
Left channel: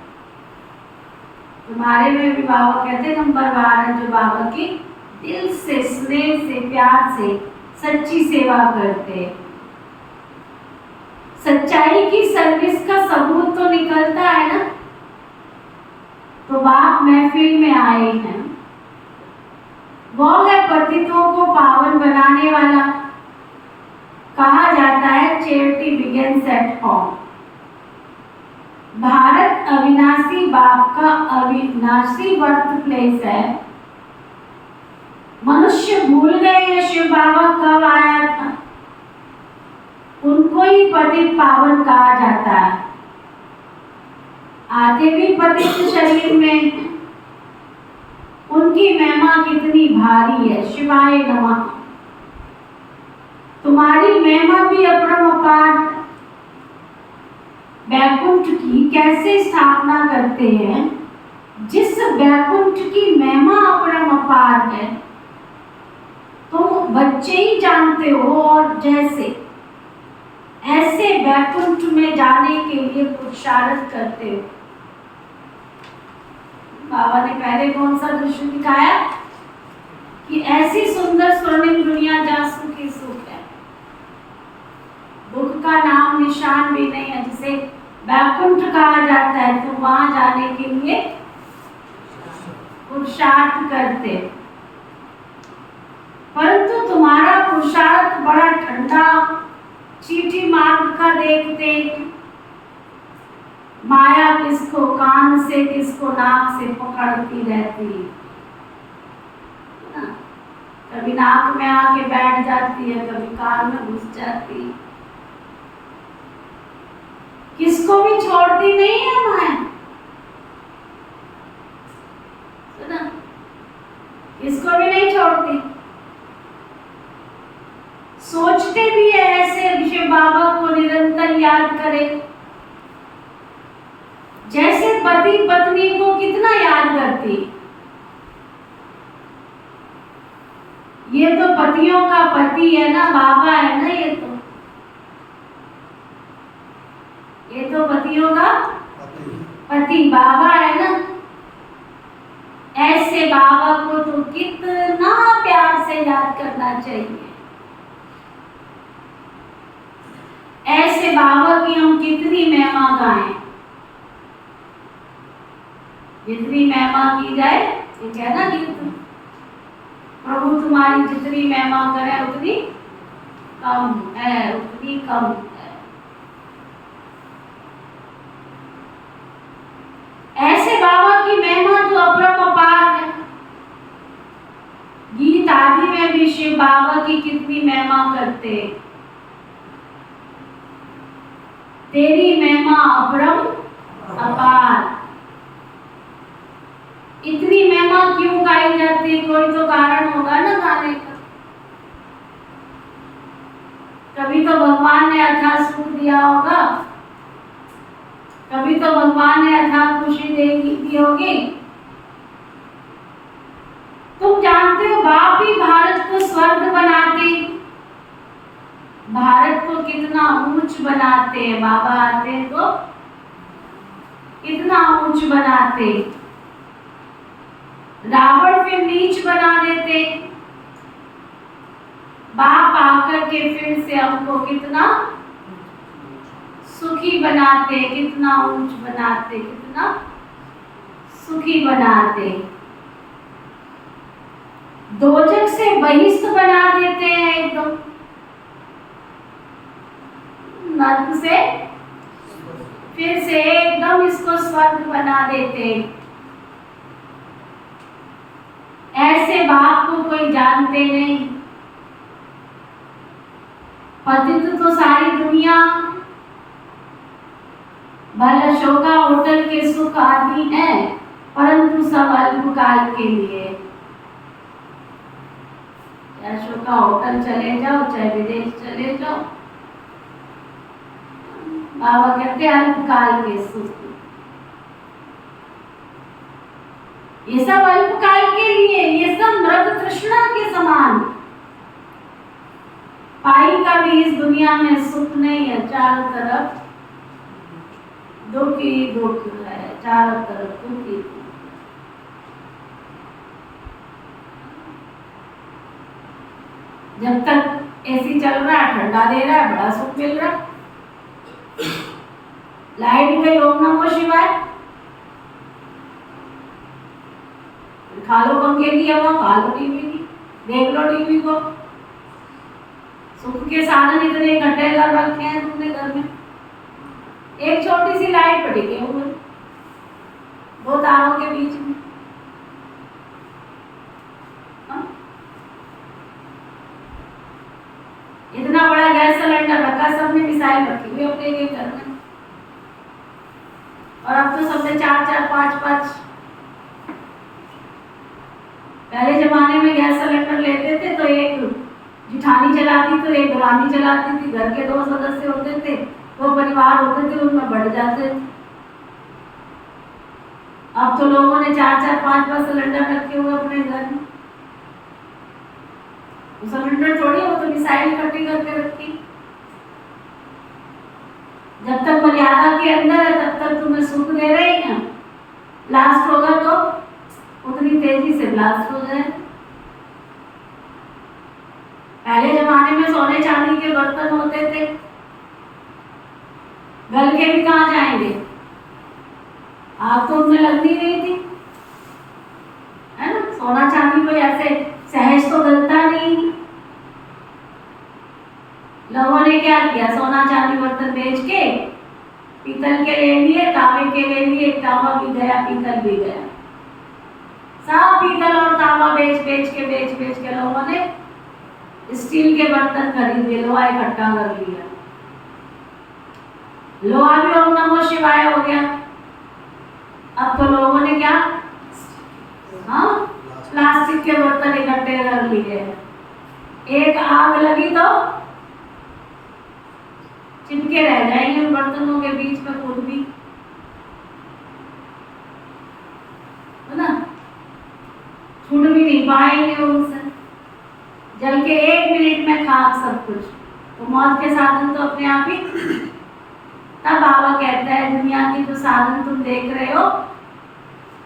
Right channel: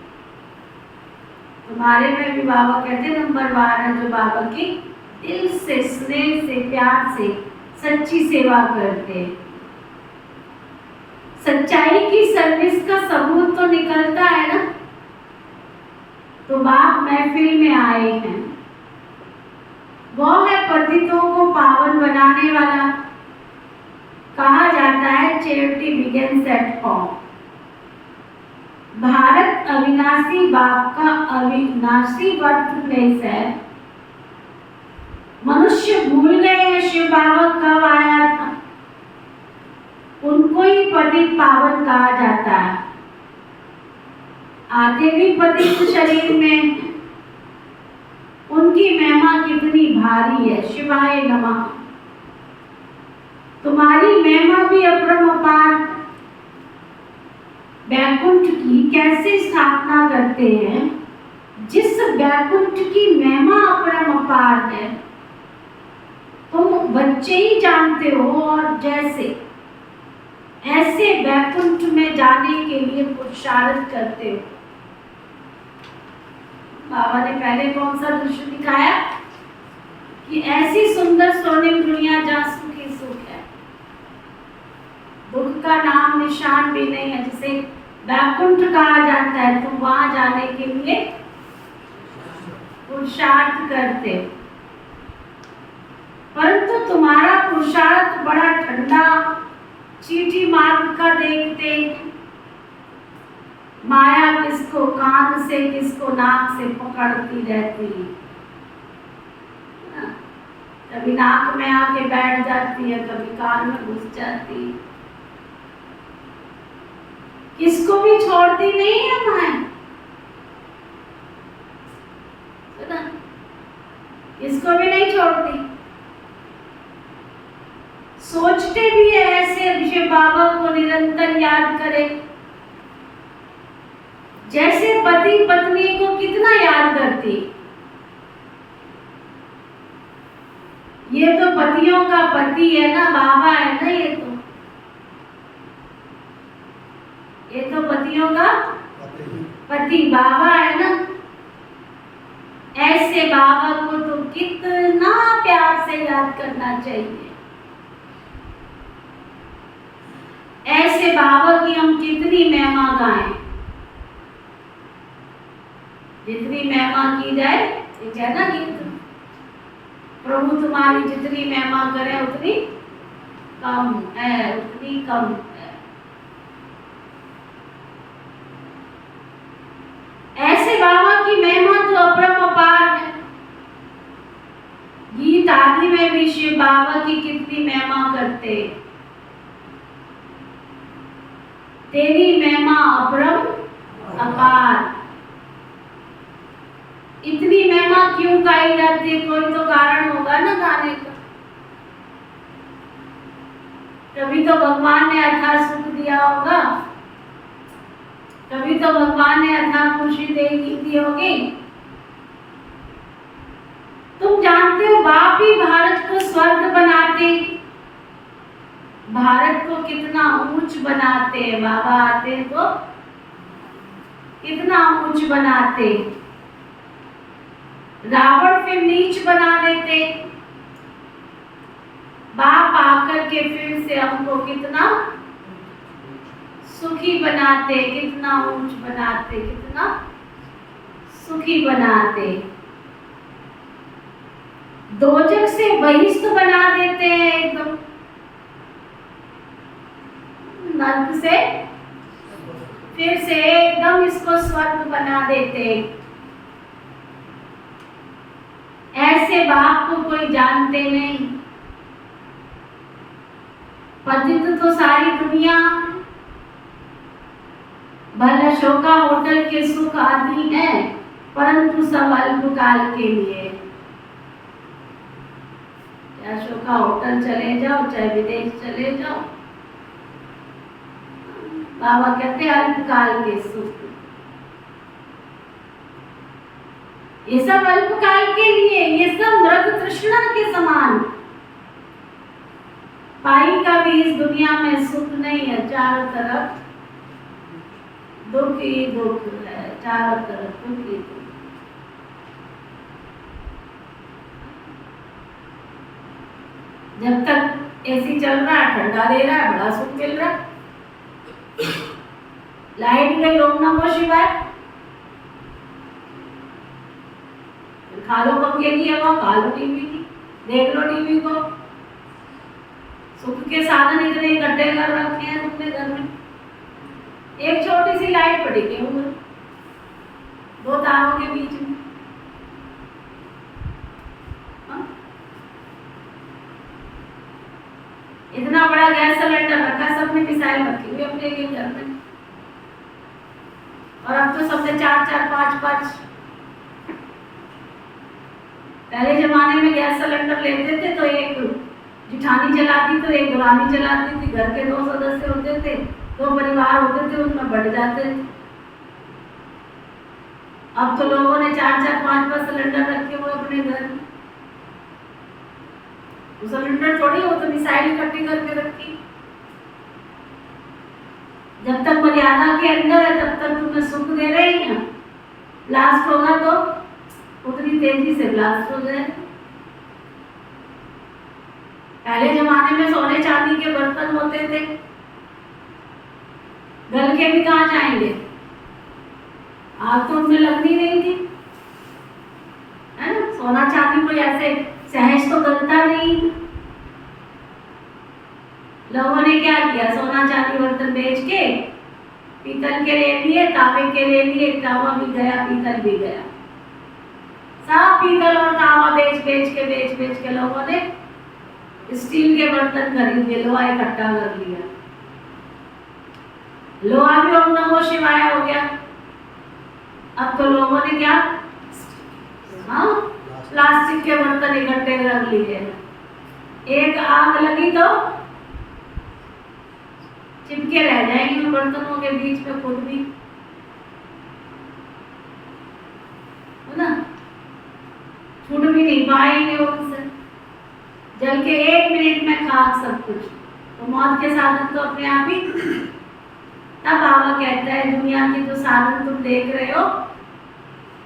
तुम्हारे में भी बाबा कहते नंबरवार है, जो बाबा की दिल से, स्नेह से, प्यार से सच्ची सेवा करते हैं। सच्चाई की सर्विस का सबूत तो निकलता है ना। तो बाप महफिल में आए हैं, वो है पतितों को पावन बनाने वाला। कहा जाता है charity begins at home. Bharat अविनाशी बाप का अविनाशी बर्थ प्लेस है। मनुष्य भूल गए हैं शिव बाबा कब आया था, उनको ही पतित पावन कहा जाता है। आते भी पतित शरीर में, उनकी महिमा कितनी भारी है। शिवाय नमः। तुम्हारी महिमा भी अपरंपार। वैकुंठ की कैसे स्थापना करते हैं? जिस वैकुंठ की महिमा अपरंपार है, तुम बच्चे ही जानते हो, और जैसे ऐसे वैकुंठ में जाने के लिए पुरुषार्थ करते हो। बाबा ने पहले कौन सा दृश्य दिखाया कि ऐसी सुंदर स्वर्णिम दुनिया जहाँ सुख ही सुख है, दुख का नाम निशान भी नहीं है, जिसे वैकुंठ कहा जाता है। तुम वहां जाने के लिए पुरुषार्थ करते हो, परंतु तुम्हारा पुरुषार्थ बड़ा ठंडा चीटी मार्ग का देखते हैं। माया किसको कान से, किसको नाक से पकड़ती रहती है, कभी नाक में आके बैठ जाती है, कभी कान में घुस जाती है, किसको भी छोड़ती नहीं है माया। सुना, किसको भी नहीं छोड़ती। सोचते भी है ऐसे शिव बाबा को निरंतर याद करें, पति पत्नी को कितना याद करती। ये तो पतियों का पति है ना, बाबा है ना, ये तो पतियों का पति बाबा है ना। ऐसे बाबा को तो कितना प्यार से याद करना चाहिए। ऐसे बाबा की हम कितनी महिमा गाएं। जितनी महिमा की जाए, ये है ना गीत, प्रभु तुम्हारी जितनी महिमा करे उतनी कम है, उतनी कम है। ऐसे बाबा की महिमा तो अपरंपार है। गीत आदि में भी शिव बाबा की कितनी महिमा करते। तेरी महिमा अपरंपार। इतनी महिमा क्यों गाई जाती है? कोई तो कारण होगा ना गाने का। कभी तो भगवान ने अथाह सुख दिया होगा, कभी तो भगवान ने अथाह खुशी दी होगी। तुम जानते हो बाप ही भारत को स्वर्ग बनाते, भारत को कितना ऊंच बनाते हैं। बाबा आते तो कितना ऊंच बनाते। रावण फिर नीच बना देते, बाप आकर के फिर से हमको कितना सुखी बनाते, कितना ऊंच बनाते, कितना सुखी बनाते। दोजक से बहिष्ठ बना देते हैं एकदम, नर्क से फिर से एकदम इसको स्वर्ग बना देते। ऐसे बाप को कोई जानते नहीं। पतित तो सारी दुनिया, भला शोका होटल के सुख आदि है, परंतु सब अल्पकाल के लिए। चाहे शोका होटल चले जाओ, चाहे विदेश चले जाओ, बाबा कहते हैं अल्पकाल के सुख। ये सब अल्पकाल के लिए, ये सब मृग तृष्णा के समान। पाई का भी इस दुनिया में सुख नहीं है, चारों तरफ दुख ही दुख है, चारों तरफ दुख ही दुख। जब तक एसी चल रहा है, ठंडा दे रहा है, बड़ा सुख मिल रहा है। लाइट गई, ओम नमो शिवाय, खा लो पंखे की हवा, खा लो टीवी की, देख लो टीवी को। सुख के साधन इतने इकट्ठे कर रखे हैं तुमने घर में। एक छोटी सी लाइट पड़ी के ऊपर, दो तारों के बीच में। इतना बड़ा गैस सिलेंडर रखा, सबने मिसाइल रखी हुई अपने एक घर में। और अब तो सबने 4-4, 5-5। पहले जमाने में गैस सिलेंडर लेते थे तो एक जिठानी जलाती तो एक दुरानी जलाती थी। घर के 2 सदस्य होते थे, 2 परिवार होते थे, उनमें बढ़ जाते थे। अब तो लोगों ने 4-4, 5-5 सिलेंडर रखे हुए अपने घर में। सिलेंडर थोड़ी, वो तो मिसाइल इकट्ठी करके रखी। जब तक मर्यादा के अंदर है तब तक तुम्हें सुख दे रहे हैं। ब्लास्ट होगा तो उतनी तेजी से ब्लास्ट हो जाए। पहले जमाने में सोने चांदी के बर्तन होते थे, गल के भी कहाँ जाएंगे, आग तो उनमें लगनी नहीं थी, है ना। सोना चांदी कोई ऐसे सहज तो गलता नहीं। लोगों ने क्या किया, सोना चांदी बर्तन बेच के पीतल के ले लिए, तांबे के ले लिए। तांबा भी गया, पीतल भी गया। सब पीतल और तांबा बेच के लोगों ने स्टील के बर्तन खरीद लिए, लोहा इकट्ठा कर लिया। लोहा भी ओम नमो शिवाय हो गया। अब तो लोगों ने क्या, हाँ, प्लास्टिक के बर्तन इकट्ठे कर लिए। एक आग लगी तो चिपके रह जाएंगे उन बर्तनों के बीच में खुद भी। छूट भी नहीं पाएंगे उनसे। जल के 1 मिनट में खाक सब कुछ, तो मौत के साधन तो अपने आप ही। तब बाबा कहता है दुनिया के जो साधन तुम देख रहे हो,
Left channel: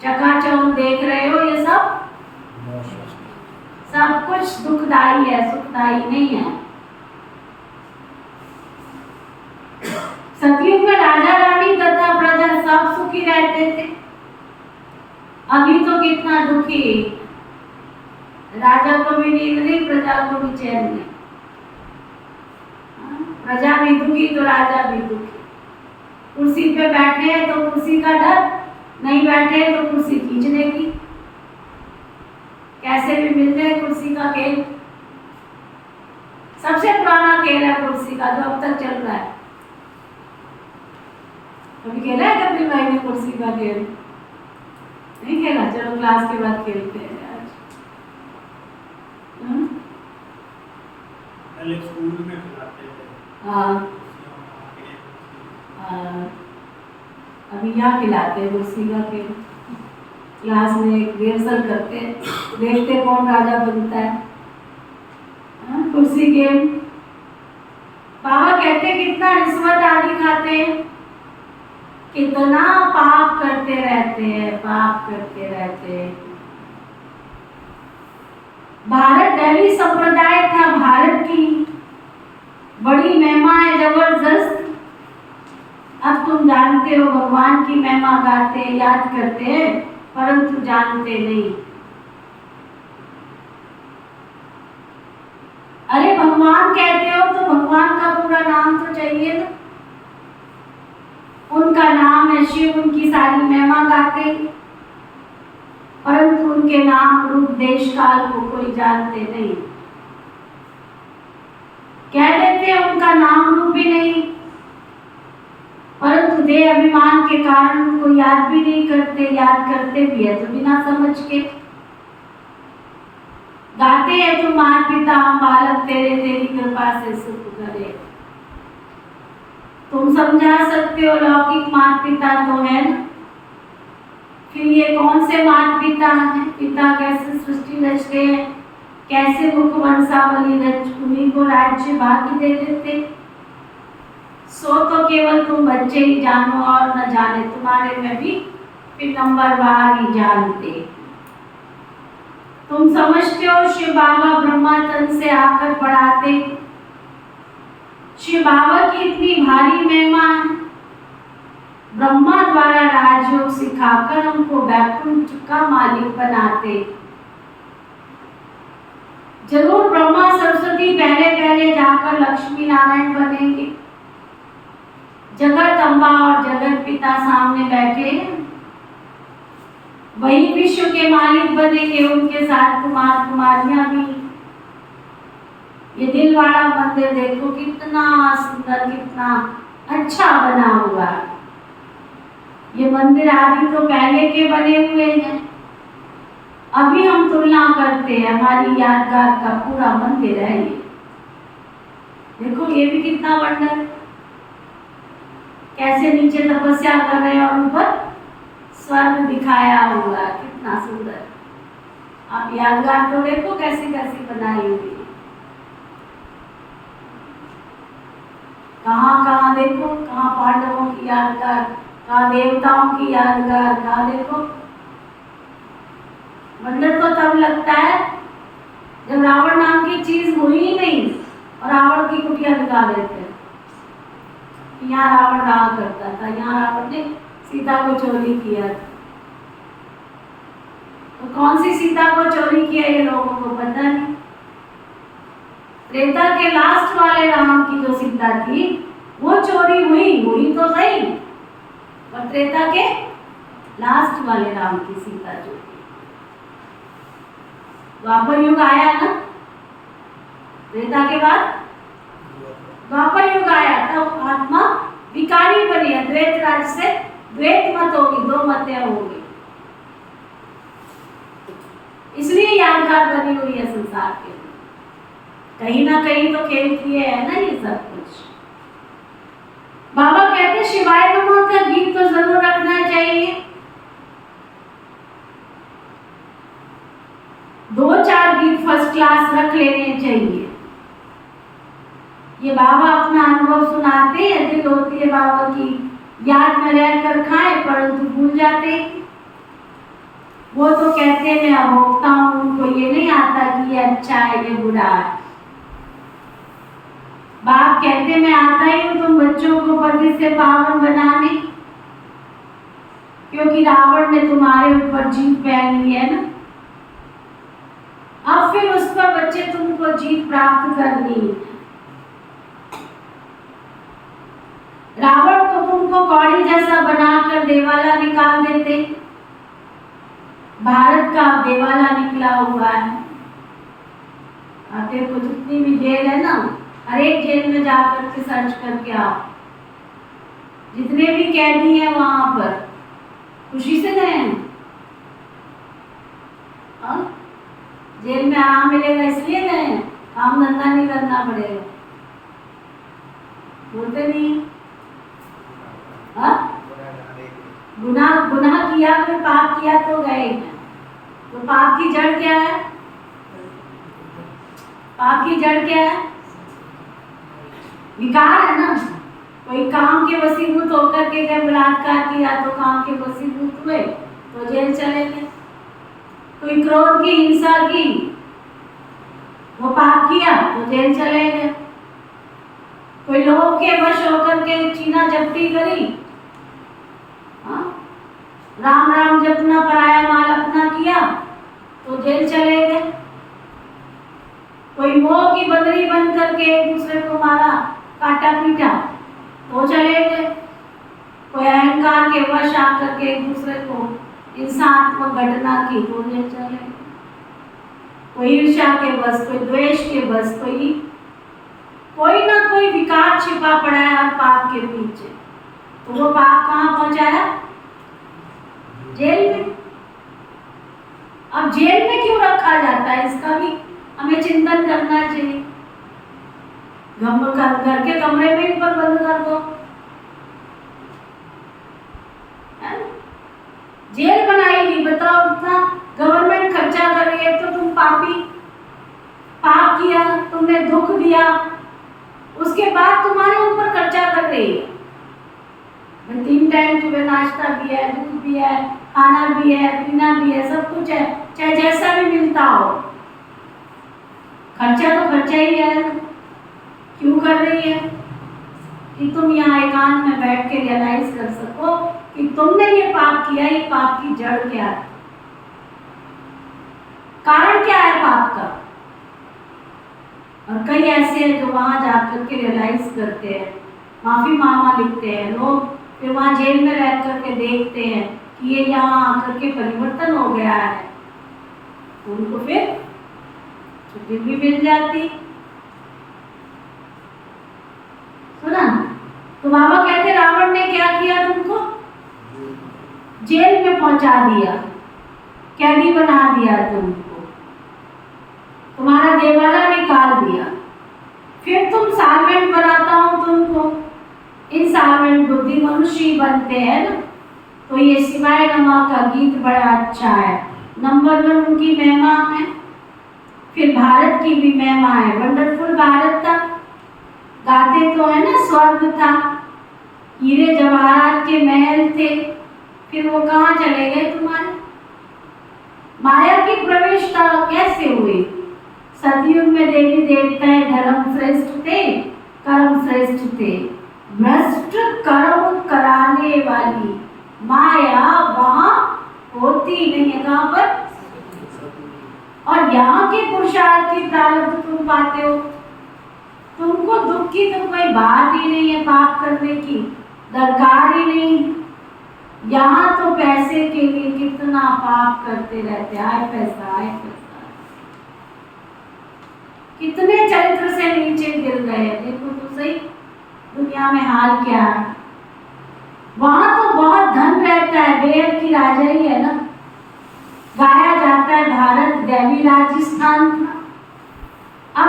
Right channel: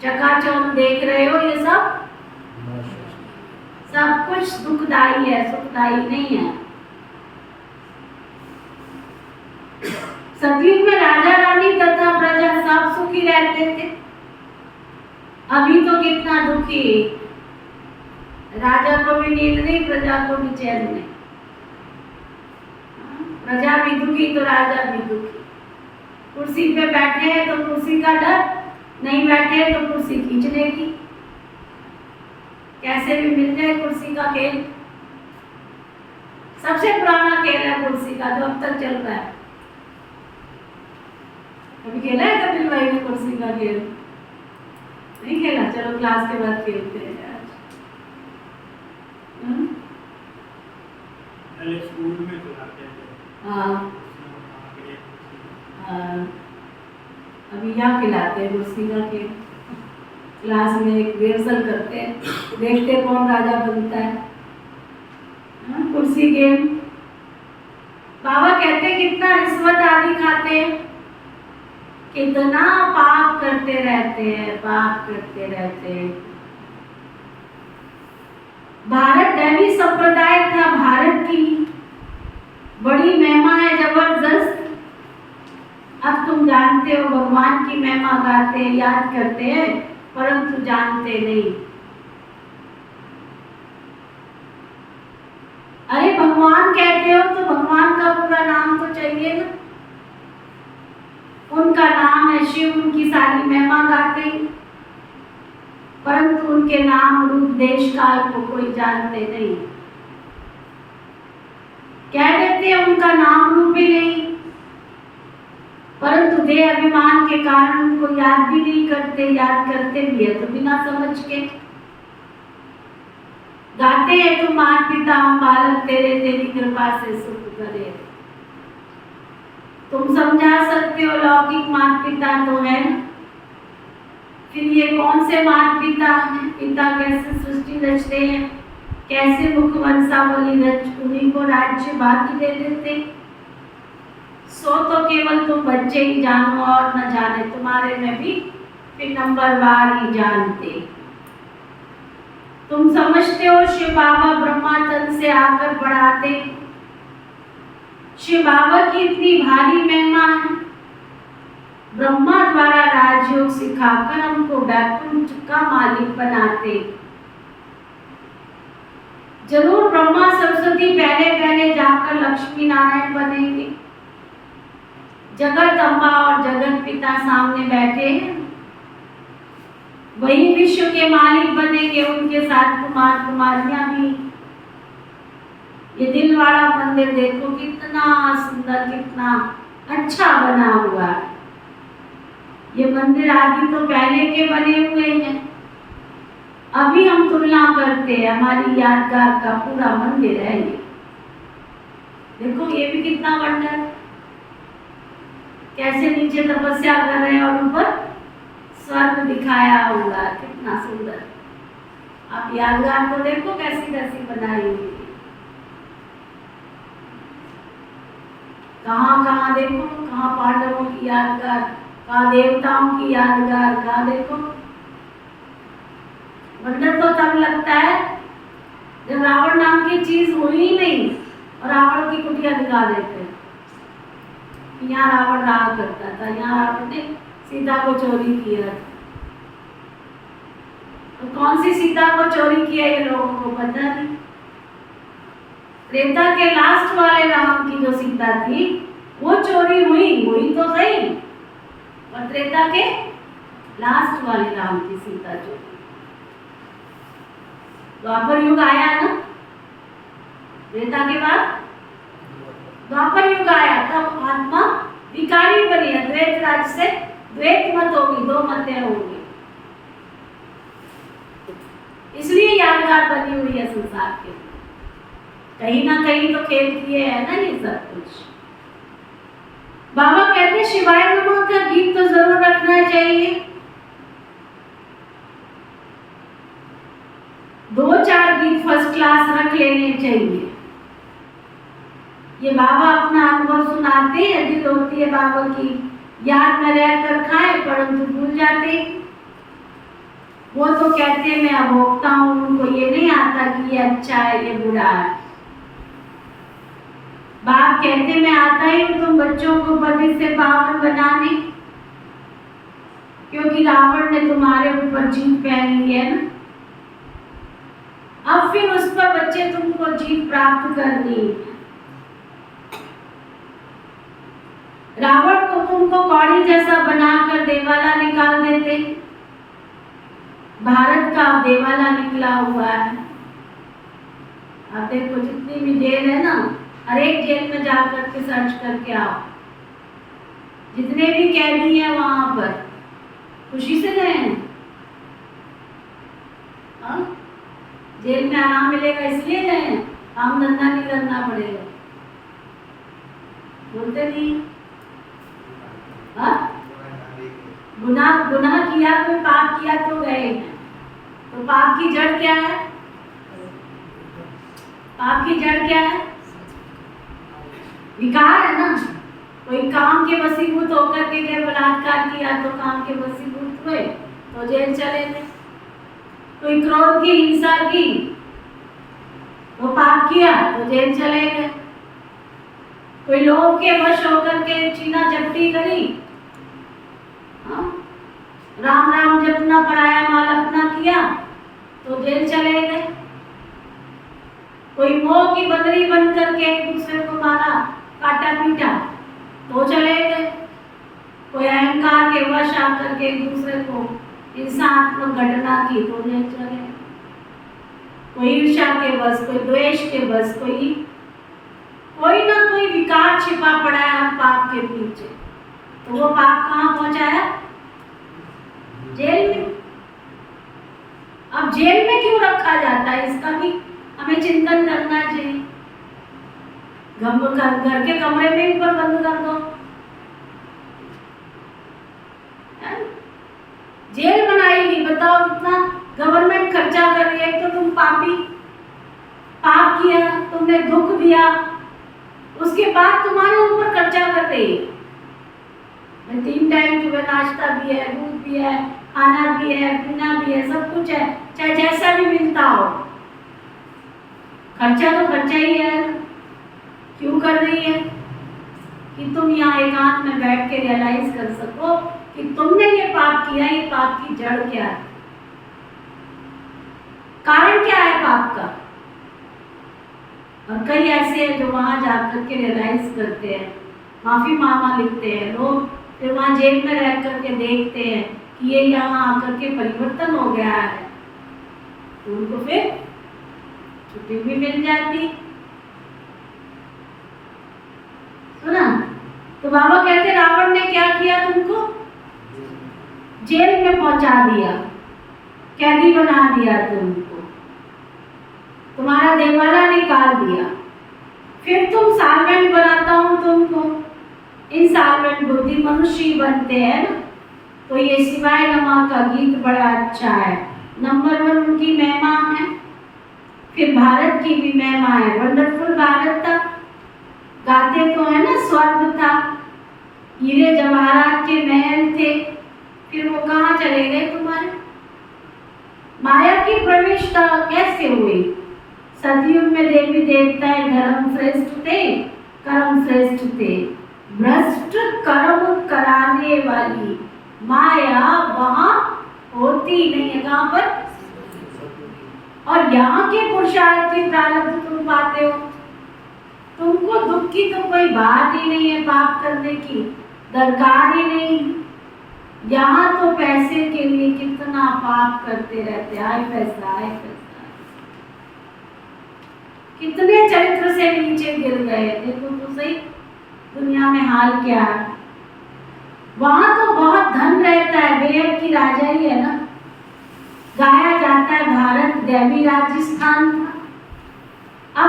चकाचौंध देख रहे हो, ये सब कुछ दुखदाई है, सुखदाई नहीं है। सतयुग में राजा रानी तथा प्रजा सब सुखी रहते थे। अभी तो कितना दुखी, राजा को भी नींद नहीं, प्रजा को भी चैन नहीं। प्रजा भी दुखी तो राजा भी दुखी। कुर्सी पे बैठे हैं तो कुर्सी का डर, नहीं बैठे तो कुर्सी खींचने की, कैसे भी मिल जाए कुर्सी का खेल। सबसे पुराना खेल है कुर्सी का, जो अब तक चल रहा है। कभी खेला है कपिल भाई ने कुर्सी का खेल? नहीं खेला? चलो क्लास के बाद खेलते हैं आज। पहले स्कूल में खिलाते थे। हाँ, अभी यहाँ खिलाते हैं कुर्सी का खेल। क्लास में एक रिहर्सल करते हैं, देखते कौन राजा बनता है। कुर्सी गेम। बाबा कहते हैं कितना रिश्वत आदि खाते हैं, कितना पाप करते रहते हैं, पाप करते रहते हैं। भारत दैवी संप्रदाय था, भारत की बड़ी महिमा है जबरदस्त। अब तुम जानते हो भगवान की महिमा गाते हैं, याद करते हैं, परंतु जानते नहीं। अरे भगवान कहते हो तो भगवान का पूरा नाम तो चाहिए ना। उनका नाम है शिव, उनकी सारी महिमा गाते हैं, परंतु उनके नाम रूप देश काल को कोई जानते नहीं। कह देते हैं उनका नाम रूप भी नहीं, परंतु देह अभिमान के कारण उनको याद भी नहीं करते, याद करते भी है तो बिना समझ के। गाते हैं तुम मात पिता हम बालक तेरे, तेरी कृपा से सुख करे। तुम समझा सकते हो लौकिक मात पिता तो है ना, फिर ये कौन से मात पिता हैं? पिता कैसे सृष्टि रचते हैं, कैसे मुख वंशावली रच उन्हीं को राज्य भाग्य दे देते। सो तो केवल तुम बच्चे ही जानो और न जाने, तुम्हारे में भी फिर नंबरवार ही जानते। तुम समझते हो शिव बाबा ब्रह्मा तन से आकर पढ़ाते। शिव बाबा की इतनी भारी महिमा है, ब्रह्मा द्वारा राजयोग सिखाकर हमको वैकुंठ का मालिक बनाते। जरूर ब्रह्मा सरस्वती पहले पहले जाकर लक्ष्मी नारायण बनेंगे। जगत अम्बा और जगत पिता सामने बैठे हैं, वही विश्व के मालिक बनेंगे, उनके साथ कुमार कुमारियां भी। ये दिल वाला मंदिर देखो कितना सुंदर, कितना अच्छा बना हुआ है। ये मंदिर आदि तो पहले के बने हुए हैं, अभी हम तुलना करते हैं, हमारी यादगार का पूरा मंदिर है ये। देखो ये भी कितना वर्णन है, कैसे नीचे तपस्या कर रहे हैं और ऊपर स्वर्ग दिखाया हुआ, कितना सुंदर। आप यादगार तो देखो कैसी कैसी बनाई हुई है। कहाँ कहाँ देखो, कहाँ पांडवों की यादगार, कहाँ देवताओं की यादगार, कहाँ देखो। वंडर तो तब लगता है जब रावण नाम की चीज हुई ही नहीं और रावण की कुटिया दिखा देते हैं। यहाँ रावण रहा करता था, यहाँ रावण ने सीता को चोरी किया। तो कौन सी सीता को चोरी किया ये लोगों को पता नहीं। त्रेता के लास्ट वाले राम की जो सीता थी वो चोरी हुई तो सही, और त्रेता के लास्ट वाले राम की सीता चोरी। द्वापर युग आया ना, त्रेता के बाद द्वापर युग आया, तब आत्मा विकारी बनी। द्वैत राज से द्वैत मत होगी, दो मतें होगी, इसलिए यादगार बनी हुई है संसार के लिए। कहीं ना कहीं तो खेल किए है ना ये सब कुछ। बाबा कहते शिवाय नमो का गीत तो जरूर रखना चाहिए। 2-4 गीत फर्स्ट क्लास रख लेने चाहिए। ये बाबा अपना अनुभव सुनाते हैं, दिल होती है बाबा की याद में रहकर खाएं परंतु भूल जाते। वो तो कहते हैं मैं अभोक्ता हूं, उनको ये नहीं आता कि ये अच्छा है ये बुरा है। बाप कहते मैं आता ही हूं तुम बच्चों को पति से पावन बनाने, क्योंकि रावण ने तुम्हारे ऊपर जीत पहन ली है ना। अब फिर उस पर बच्चे तुमको जीत प्राप्त करनी है। रावण को तुमको कौड़ी जैसा बनाकर देवाला निकाल देते। भारत का देवाला निकला हुआ है। आप देखो जितनी भी जेल है ना, हर एक जेल में जाकर के सर्च करके आओ, जितने भी कैदी हैं वहां पर खुशी से गए हैं। जेल में आराम मिलेगा इसलिए गए हैं, काम धंधा नहीं करना पड़ेगा। बोलते नहीं गुनाह किया, कोई पाप किया तो गए हैं। तो पाप की जड़ क्या है? पाप की जड़ क्या है? विकार है ना। कोई काम के वशीभूत होकर के गए, बलात्कार किया तो काम के वशीभूत हुए तो जेल चले गए। कोई क्रोध की हिंसा की, वो पाप किया तो जेल चले गए। कोई लोभ के वश होकर के छीना झपटी करी, राम राम जपना पराया माल अपना किया तो जेल चले गए। कोई मोह की बंदरी बन करके एक दूसरे को मारा, काटा पीटा तो चले गए। कोई अहंकार के वश आकर के एक दूसरे को हिंसात्मक घटना की तो जेल चले गए। कोई ईर्ष्या के बस, कोई द्वेष के बस, कोई ना कोई विकार छिपा पड़ा है हर पाप के पीछे। तो वो पाप कहाँ पहुंचाया? जेल में। अब जेल में क्यों रखा जाता है, इसका भी हमें चिंतन करना चाहिए। घर के कमरे में ही पर बंद कर दो, जेल बनाएगी। बताओ कितना गवर्नमेंट खर्चा कर रही है। तो तुम पाप किया, तुमने दुख दिया, उसके बाद तुम्हारे ऊपर खर्चा कर रही है। 3 टाइम सुबह नाश्ता भी है, दूध भी है, खाना भी है, पीना भी है, सब कुछ है, चाहे जैसा भी मिलता हो। खर्चा तो खर्चा ही है। क्यों कर रही है? कि तुम यहाँ एकांत में बैठ के रियलाइज कर सको कि तुमने ये पाप किया, ये पाप की जड़ क्या है, कारण क्या है पाप का। और कई ऐसे हैं जो वहां जाकर के रियलाइज करते हैं, माफी मामा लिखते हैं लोग, फिर वहां जेल में रह करके देखते हैं कि ये यहाँ आकर के परिवर्तन हो गया है, उनको फिर छुट्टी भी मिल जाती। सुना? तो बाबा कहते रावण ने क्या किया, तुमको जेल में पहुंचा दिया, कैदी बना दिया, तुमको तुम्हारा देवाला निकाल दिया। फिर तुम साल्वेंट बनाता हूं तुमको। इन साल्वेंट बुद्धि मनुष्य ही बनते हैं ना। तो ये शिवाय नमः का गीत बड़ा अच्छा है। नंबर 1 उनकी महिमा है, फिर भारत की भी महिमा है। वंडरफुल भारत था, गाते तो है ना, स्वर्ग था, हीरे जवाहरात के महल थे। फिर वो कहाँ चले गए तुम्हारे? माया की प्रवेशता कैसे हुई? सतयुग में देवी देवताएं धर्म श्रेष्ठ थे, कर्म श्रेष्ठ थे। भ्रष्ट कर्म कराने वाली माया वहां होती नहीं है। कहां पर? और यहाँ के पुरुषार्थ की प्रारब्ध तुम पाते हो। तुमको दुख की तो कोई बात ही नहीं है, पाप करने की दरकार ही नहीं। यहाँ तो पैसे के लिए कितना पाप करते रहते, आए पैसा आए पैसा, कितने चरित्र से नीचे गिर गए। देखो तो सही दुनिया में हाल क्या है। वहां तो बहुत धन रहता है, बेहद की राजा ही है ना। गाया जाता है भारत दैवी राजस्थान था। अब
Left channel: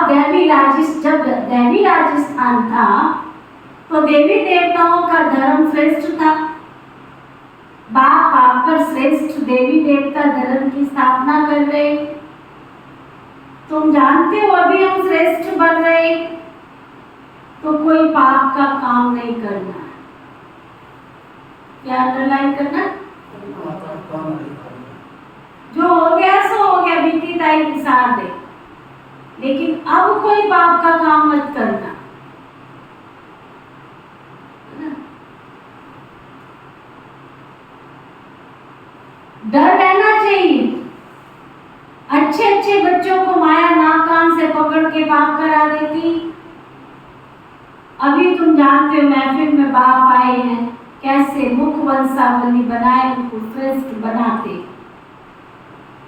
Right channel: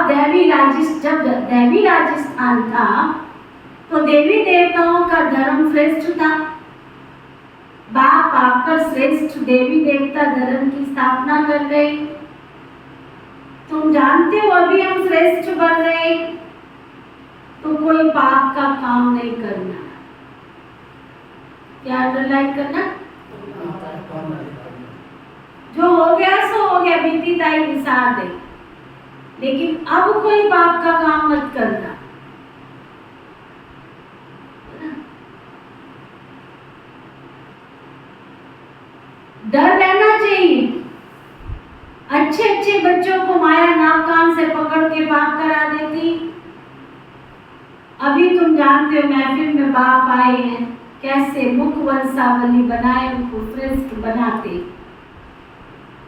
जब दैवी राजस्थान था तो देवी देवताओं का धर्म श्रेष्ठ था। बाप आकर श्रेष्ठ देवी देवता धर्म की स्थापना कर रहे। तुम जानते हो अभी हम श्रेष्ठ बन रहे, तो कोई पाप का काम नहीं करना। क्या अंडरलाइन करना? जो हो गया सो हो गया, बीती ताई की साथ है, लेकिन अब कोई पाप का काम मत करना। डर रहना चाहिए। अच्छे अच्छे बच्चों को माया नाक कान से पकड़ के पाप करा देती। अभी तुम जानते हो महफिल में बाप आए हैं, कैसे मुख वंशावली बनाए उनको श्रेष्ठ बनाते।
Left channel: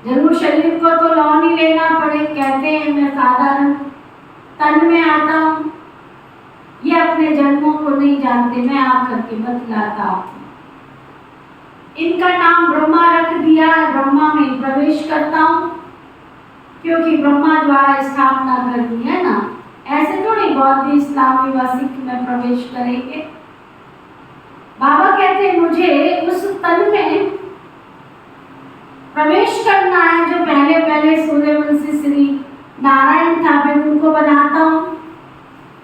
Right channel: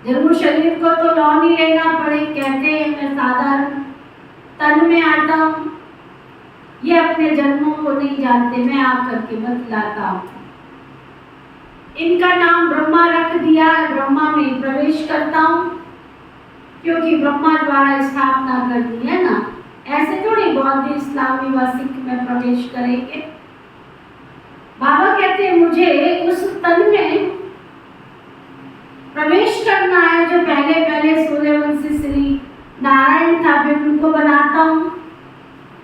जरूर शरीर को तो लॉ नहीं लेना पड़े, कहते हैं मैं साधारण तन में आता हूँ, ये अपने जन्मों को नहीं जानते, मैं आकर के बतलाता हूँ। इनका नाम ब्रह्मा रख दिया, ब्रह्मा में प्रवेश करता हूँ, क्योंकि ब्रह्मा द्वारा स्थापना करनी है ना। ऐसे थोड़ी बौद्ध इस्लामी व सिख में प्रवेश करेंगे। बाबा कहते हैं मुझे उस तन में प्रवेश करना है जो पहले पहले सूर्यवंशी श्री नारायण था, फिर उनको बनाता हूँ।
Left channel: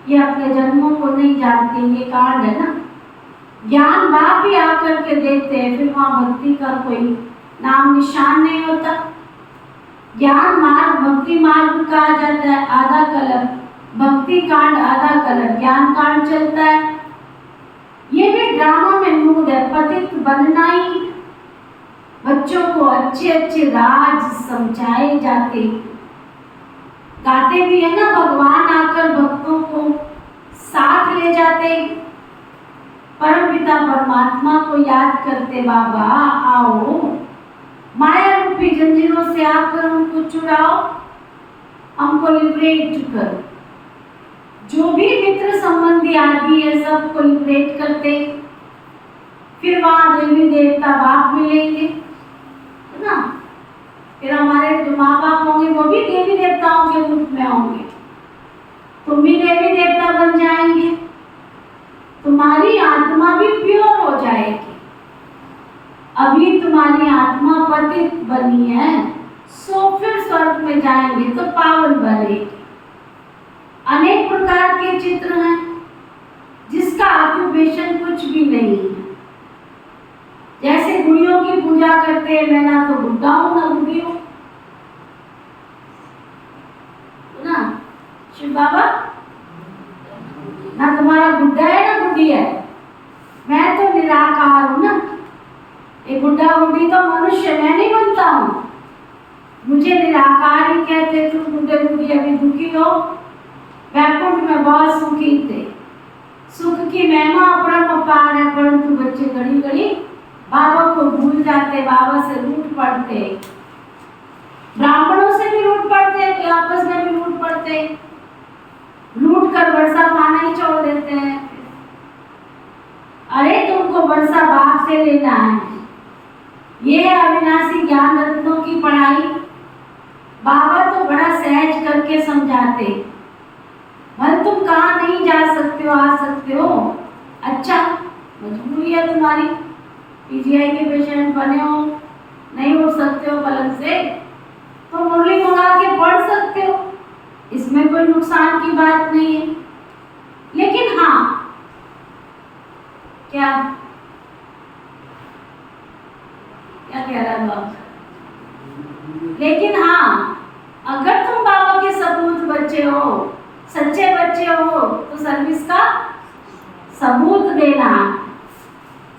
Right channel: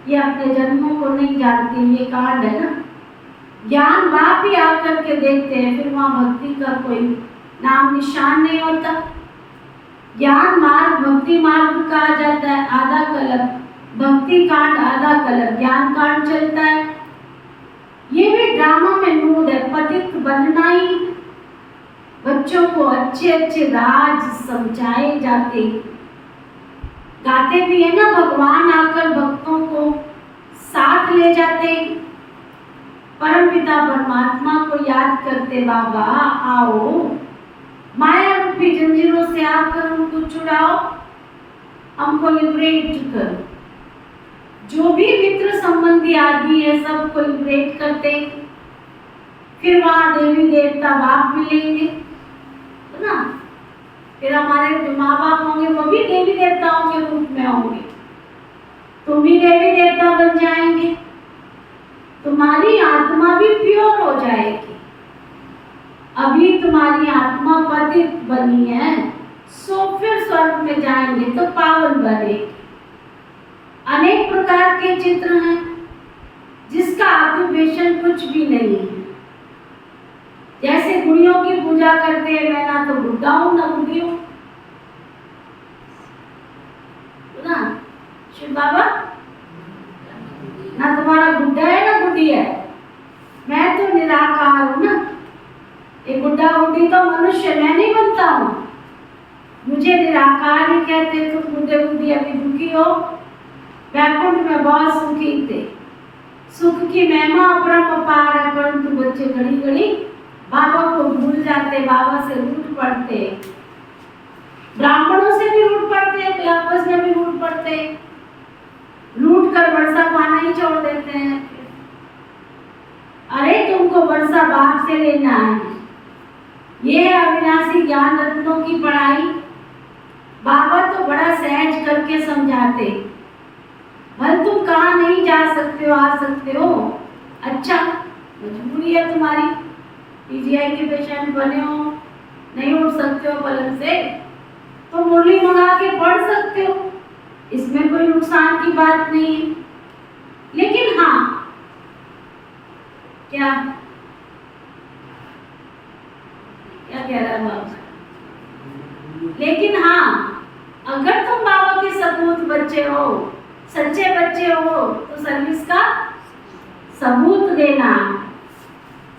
ये अपने जन्मों को नहीं जानते, ये कारण है ना। ज्ञान बाप ही आकर के देते हैं, फिर वहाँ भक्ति का कोई नाम निशान नहीं होता। ज्ञान मार्ग भक्ति मार्ग कहा जाता है, आधा कलप भक्ति कांड, आधा कलप ज्ञान कांड चलता है। ये भी ड्रामा में मूड है, पतित बनना ही। बच्चों को अच्छे अच्छे राज समझाए जाते, गाते भी है ना, भगवान आकर भक्तों को साथ ले जाते। परम पिता परमात्मा को याद करते, बाबा आओ माया रूपी जंजीरों से आकर हमको छुड़ाओ, हमको लिबरेट करो। जो भी मित्र संबंधी आदि है सबको लिबरेट करते, फिर वहां देवी देवता बाप मिलेंगे, है ना। फिर हमारे जो माँ बाप होंगे वो भी देवी देवताओं के रूप में होंगे, तुम भी देवी देवता बन जाएंगे, तुम्हारी आत्मा भी प्योर हो जाएगी। अभी तुम्हारी आत्मा पतित बनी है, सो फिर स्वर्ग में जाएंगे तो पावन बनेगी। अनेक प्रकार के चित्र हैं जिसका ऑक्यूपेशन कुछ भी नहीं है। जैसे गुड़ियों की पूजा करते हैं, मैं ना तो बुढ़ा हूं ना बुढ़ी हूं, ना शिव बाबा, ना तुम्हारा बुढ़ा है ना बुढ़ी है, मैं तो निराकार हूं ना। ये बुढ़ा बुढ़ी तो मनुष्य, मैं नहीं बनता हूं, मुझे निराकार ही कहते। तुम बुढ़े बुढ़ी अभी दुखी हो, वैकुंठ में बहुत सुखी थे, सुख की महिमा अपरंपार है, परंतु बच्चे घड़ी घड़ी बाबा को भूल जाते, बाबा से रूठ पड़ते, ब्राह्मणों से भी रूठ पड़ते, तो आपस में भी रूठ पड़ते, रूठ कर वर्षा पाना ही छोड़ देते हैं। अरे तुमको वर्षा बाप से लेना है, ये अविनाशी ज्ञान रत्नों की पढ़ाई बाबा तो बड़ा सहज करके समझाते। भले तुम कहाँ नहीं जा सकते हो, आ सकते हो, अच्छा मजबूरी है तुम्हारी, पीजीआई के पेशेंट बने हो, नहीं उठ सकते हो पलंग से, तो मुरली मंगा के पढ़ सकते हो, इसमें कोई नुकसान की बात नहीं है। लेकिन हाँ, क्या क्या कह रहा है बाबा? लेकिन हाँ, अगर तुम बाबा के सबूत बच्चे हो, सच्चे बच्चे हो, तो सर्विस का सबूत देना।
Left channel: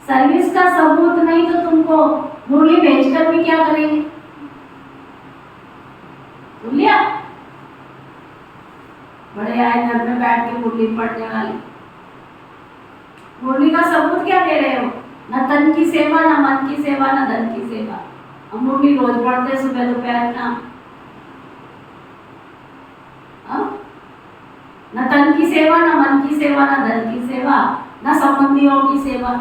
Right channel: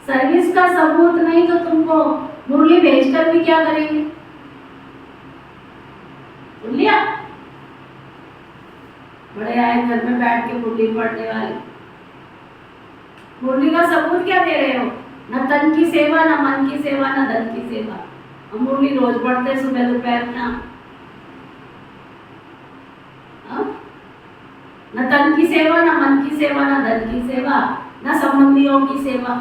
सर्विस का सबूत नहीं तो तुमको मुरली भेजकर भी क्या करेंगे? सुन लिया? बड़े आए घर में बैठ के मुरली पढ़ने वाली, मुरली का सबूत क्या दे रहे हो? न तन की सेवा, न मन की सेवा, न धन की सेवा। हम मुरली रोज पढ़ते हैं, सुबह दोपहर शाम। न तन की सेवा, न मन की सेवा, न धन की सेवा, न संबंधियों की सेवा।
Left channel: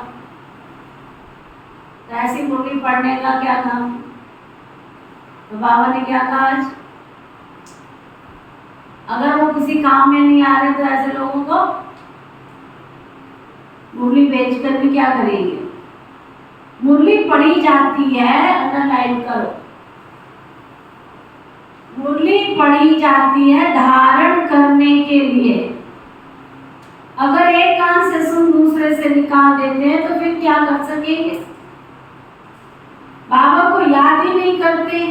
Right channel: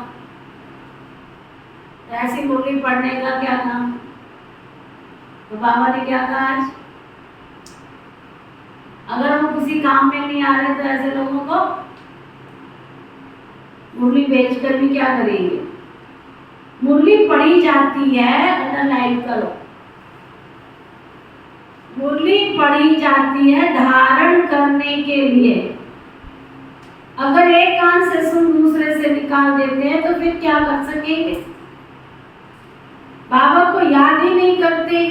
तो ऐसी मुरली पढ़ने का क्या काम? तो बाबा ने क्या कहा आज? अगर वो किसी काम में नहीं आ रहे तो ऐसे लोगों को मुरली बेचकर भी क्या करेंगे? मुरली पढ़ी जाती है, अंडरलाइन करो, मुरली मुरली पढ़ी जाती है धारण करने के लिए। अगर एक कान से सुन दूसरे से निकाल देते हैं तो फिर क्या कर सकेंगे? बाबा को याद ही नहीं करते।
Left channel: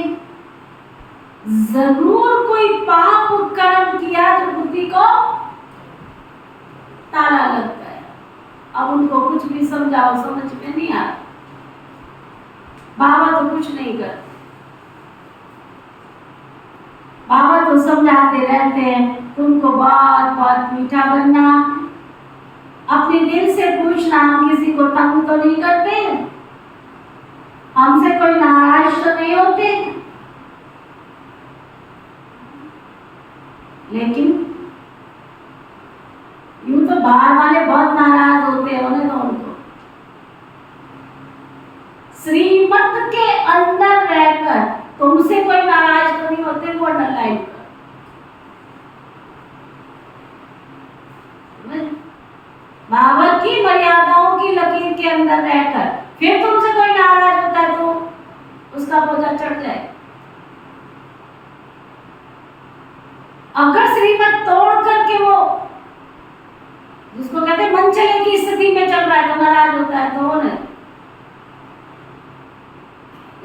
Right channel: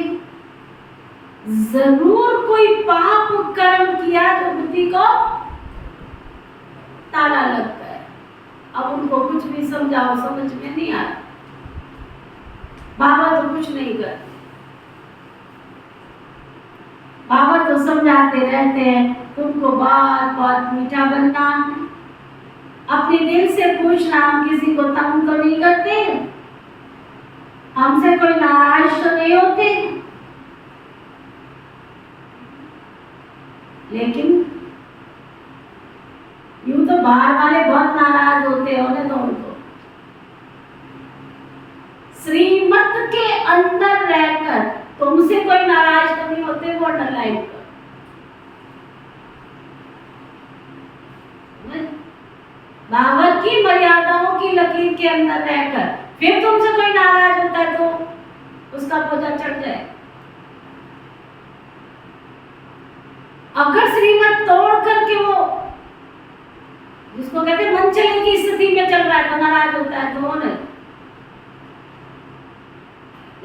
जरूर कोई पाप कर्म किया तो बुद्धि को ताला लग गया। अब उनको कुछ भी समझाओ समझ में नहीं आ रहा। बाबा तो कुछ नहीं करते। बाबा तो समझाते रहते हैं तुमको बहुत बहुत मीठा बनना, अपने दिल से पूछना, हम किसी को तंग तो नहीं करते, हमसे कोई नाराज तो नहीं होते। लेकिन यूं तो बाहर वाले बहुत नाराज होते हैं, उन्हें तो उनको श्रीमत के अंदर रहकर तुमसे कोई नाराज तो नहीं होते, बॉर्डर लाइन पर। बाबा की मर्यादाओं की लकीर के अंदर रहकर फिर तुमसे कोई नाराज होता है तो उसका बोझा चढ़ जाए। अगर श्रीमत तोड़ करके वो जिसको कहते हैं मन चले की स्थिति में चल रहा है तो नाराज होता है तो उन्हें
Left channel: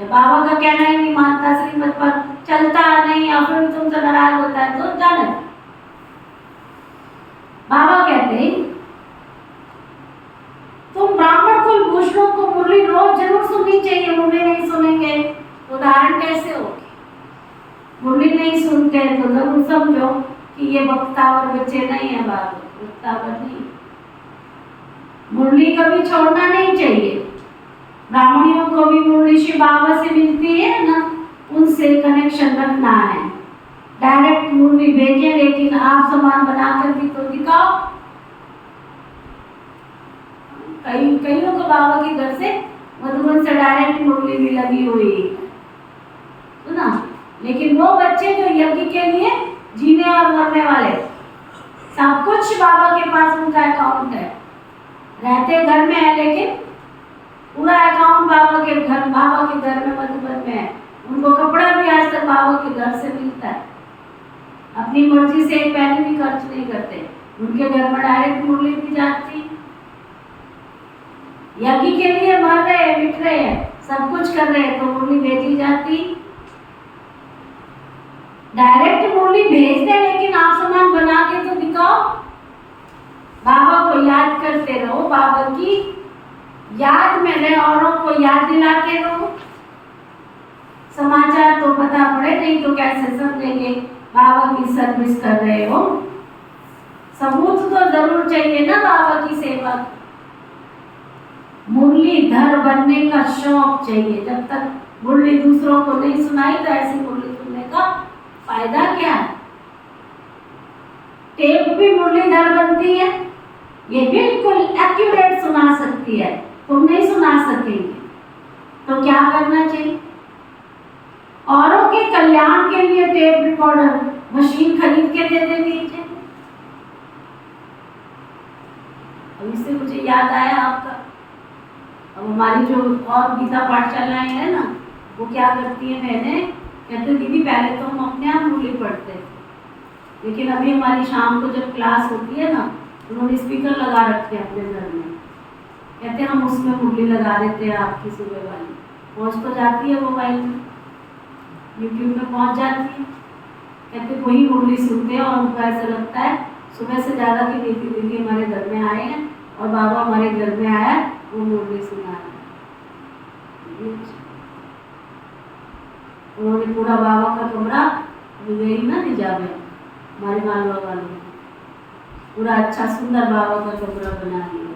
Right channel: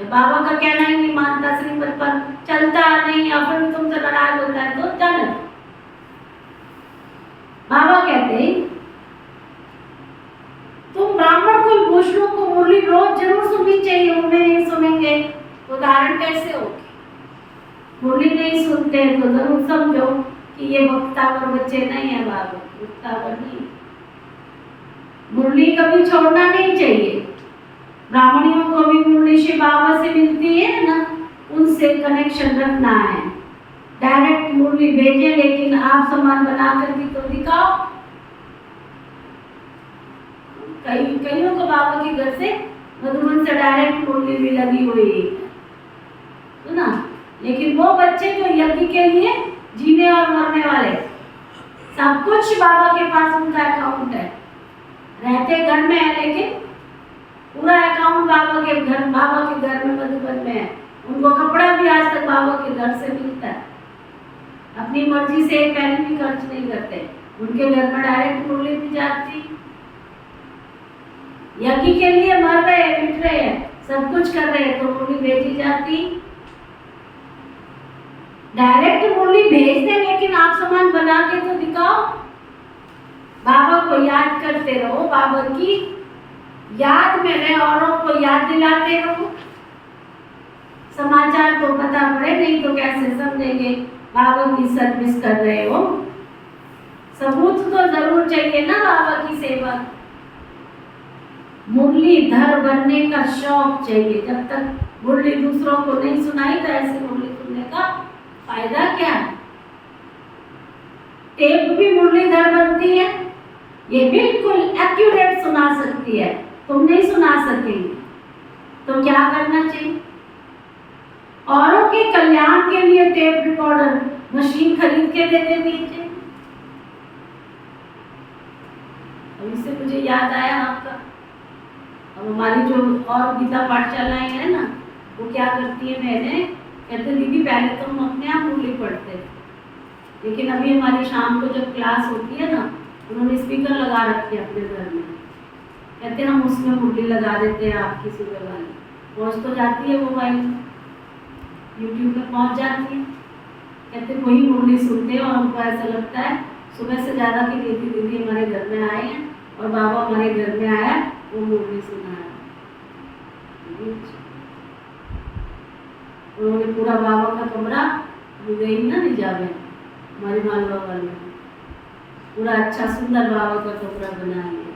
बाबा का कहना ही नहीं मानता, श्रीमत पर चलता नहीं या फिर तुमसे नाराज होता है तो जाने दो। बाबा कहते हैं तुम ब्राह्मण कुल भूषणों को मुरली रोज जरूर सुननी चाहिए। मुरली नहीं सुनेंगे तो धारण कैसे होगी? मुरली नहीं सुनते तो जरूर समझो कि ये वक्तावर बच्चे नहीं है। बाबा वक्तावर नहीं। मुरली कभी छोड़ना नहीं चाहिए। ब्राह्मणियों को भी मुरली श्री बाबा से मिलती है ना, उनसे कनेक्शन रखना है। डायरेक्ट मुरली भेजे लेकिन आप सामान बनाकर भी तो दिखाओ। कईयों को बाबा के घर से मधुबन से डायरेक्ट मुरली भी लगी हुई है, सुना। लेकिन वो बच्चे जो यज्ञ के लिए जीने और मरने वाले, सब कुछ बाबा के पास उनका अकाउंट है। रहते घर में है लेकिन पूरा अकाउंट बाबा के घर में मधुबन में है। उनको कपड़ा भी आज तक बाबा के घर से मिलता है। अपनी मर्जी से एक पैसे भी खर्च नहीं करते, उनके घर में डायरेक्ट मुरली भी जाती। यज्ञ के लिए मर रहे हैं, मिट रहे हैं, सब कुछ कर रहे हैं तो मुरली भेजी जाती। डायरेक्ट मुरली भेज दे लेकिन आप सामान बना के तो दिखाओ। बाबा को याद करते रहो, बाबा की याद में रहे, औरों को याद दिलाते रहो। समाचार तो पता पड़े, नहीं तो कैसे समझेंगे बाबा की सर्विस कर रहे हो। सबूत तो जरूर चाहिए ना बाबा की सेवा। मुरलीधर बनने का शौक चाहिए। जब तक मुरली दूसरों को नहीं सुनाई तो ऐसी मुरली सुनने का फायदा क्या है? टेप भी मुरलीधर बनती है, ये बिल्कुल एक्यूरेट सुना सकती है, तुम नहीं सुना सकेंगे। तो क्या करना चाहिए? औरों के कल्याण के लिए टेप रिकॉर्डर मशीन खरीद के दे दीजिए। अब इससे मुझे याद आया आपका, अब हमारी जो और गीता पाठशालाएं हैं ना, वो क्या करती है, मैंने कहते दीदी पहले तो हम अपने आप मुरली पढ़ते थे, लेकिन अभी हमारी शाम को जब क्लास होती है ना, उन्होंने स्पीकर लगा रखे अपने घर में। कहते हम उसमें मुरली लगा देते हैं आपकी सुबह वाली, पहुँच तो जाती है मोबाइल में, यूट्यूब में पहुँच जाती है। कहते वही मुरली सुनते हैं और हमको ऐसा लगता है सुबह से ज़्यादा कि दीदी हमारे घर में आए हैं और बाबा हमारे घर में आया, वो मुरली सुना है। उन्होंने पूरा बाबा का कमरा गई ना निजामे हमारे मालवा वालों ने, पूरा अच्छा सुंदर बाबा का कमरा बना लिया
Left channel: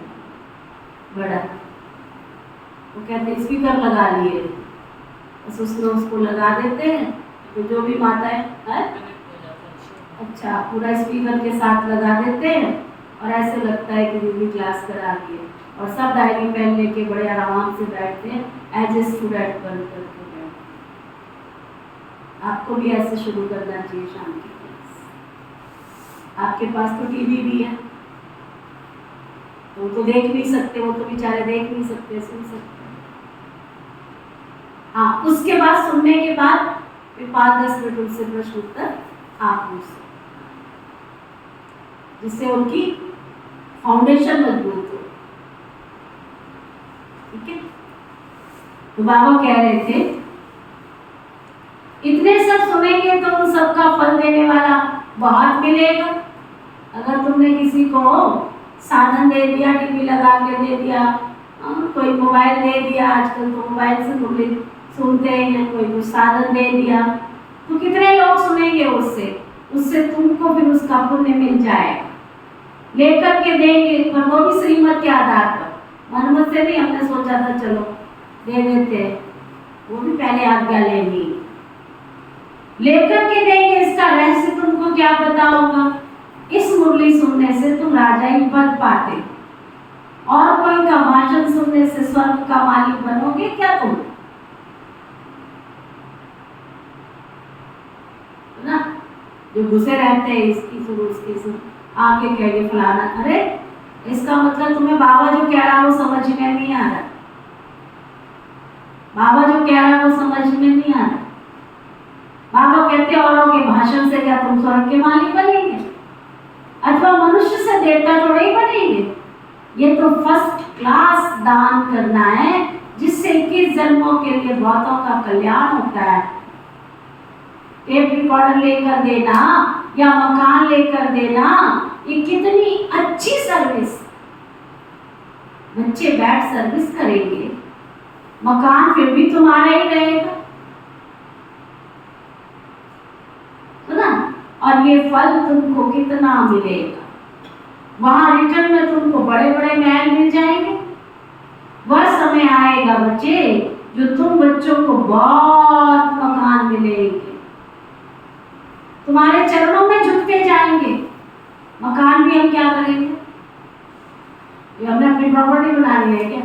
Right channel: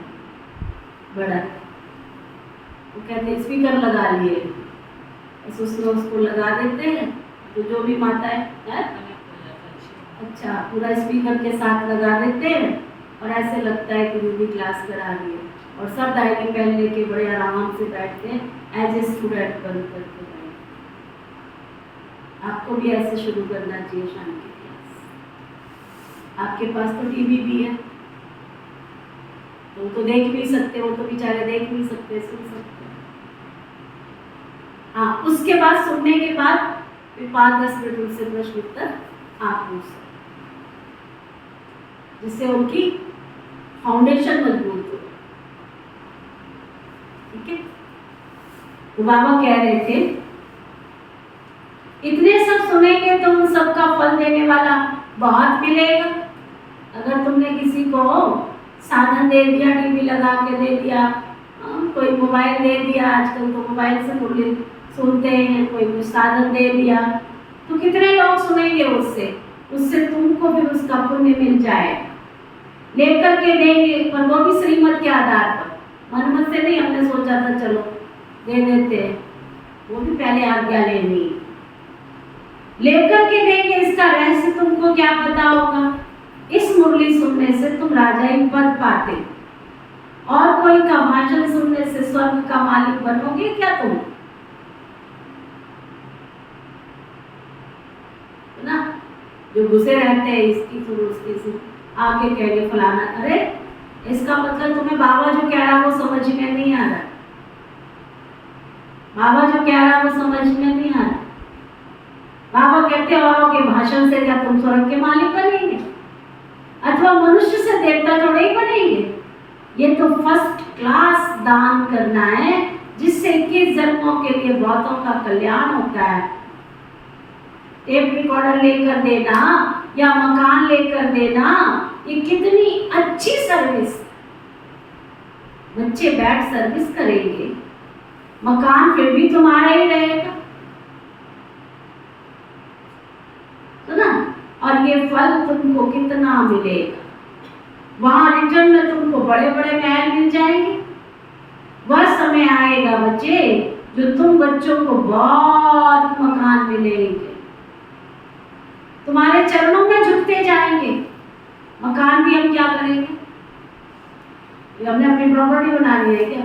बड़ा। वो कहते स्पीकर लगा लिए, बस उसमें उसको लगा देते हैं तो जो भी माता है अच्छा पूरा स्पीकर के साथ लगा देते हैं और ऐसे लगता है कि दीदी क्लास करा रही है। और सब डायरी पेन लेके बड़े आराम से बैठते हैं एज ए स्टूडेंट बन करके। आपको भी ऐसे शुरू करना चाहिए शाम की क्लास। आपके पास तो टीवी भी है, तो देख भी सकते, वो तो बेचारे देख नहीं सकते, सुन सकते। हाँ, उसके बाद सुनने के बाद फिर 5-10 मिनट उनसे प्रश्न उत्तर आप पूछ सकते, जिससे उनकी फाउंडेशन मजबूत हो। ठीक है, तो बाबा कह रहे थे इतने सब सुनेंगे तो उन सब का फल देने वाला बहुत मिलेगा। अगर तुमने किसी को साधन दे दिया, टीवी लगा के दे दिया, कोई मोबाइल दे दिया, आजकल तो मोबाइल से मुरली सुनते हैं, कोई कुछ साधन दे दिया, तो कितने लोग सुनेंगे उससे तुमको फिर उसका पुण्य मिल जाएगा। लेकर के देंगे, पर वो भी श्रीमत के आधार पर, मनमत से नहीं। हमने सोचा था चलो दे देते हैं, वो भी पहले आज्ञा लेनी। लेकर के देंगे, इसका रहस्य तुमको क्या पता होगा। इस मुरली सुनने से तुम राजाई पद पाते, और कोई का भाषण सुनने से स्वर्ग का मालिक बनोगे क्या तुम? ना, जो घुसे रहते हैं इसकी सुनो उसकी सुनो, आके कहेंगे फलाना, अरे इसका मतलब तुम्हें बाबा जो कह रहा वो समझ में नहीं आ रहा। बाबा जो कह रहा वो समझ में नहीं आ रहा। बाबा कहते औरों के भाषण से क्या तुम स्वर्ग के मालिक बनेंगे, अथवा मनुष्य से देवता थोड़े ही बनेंगे। ये तो फर्स्ट क्लास दान करना है, जिससे 21 जन्मों के लिए बहुतों का कल्याण होता है। टेप रिकॉर्डर लेकर देना या मकान लेकर देना, ये कितनी अच्छी सर्विस। बच्चे बैठ सर्विस करेंगे, मकान फिर भी तुम्हारा ही रहेगा, तो ना। और ये फल तुमको कितना मिलेगा, वहां रिटर्न में तुमको बड़े बड़े महल मिल जाएंगे। वह समय आएगा बच्चे, जो तुम बच्चों को बहुत मकान मिलेंगे, तुम्हारे चरणों में झुकते जाएंगे। मकान भी हम क्या करेंगे, हमने अपनी प्रॉपर्टी बनानी है क्या?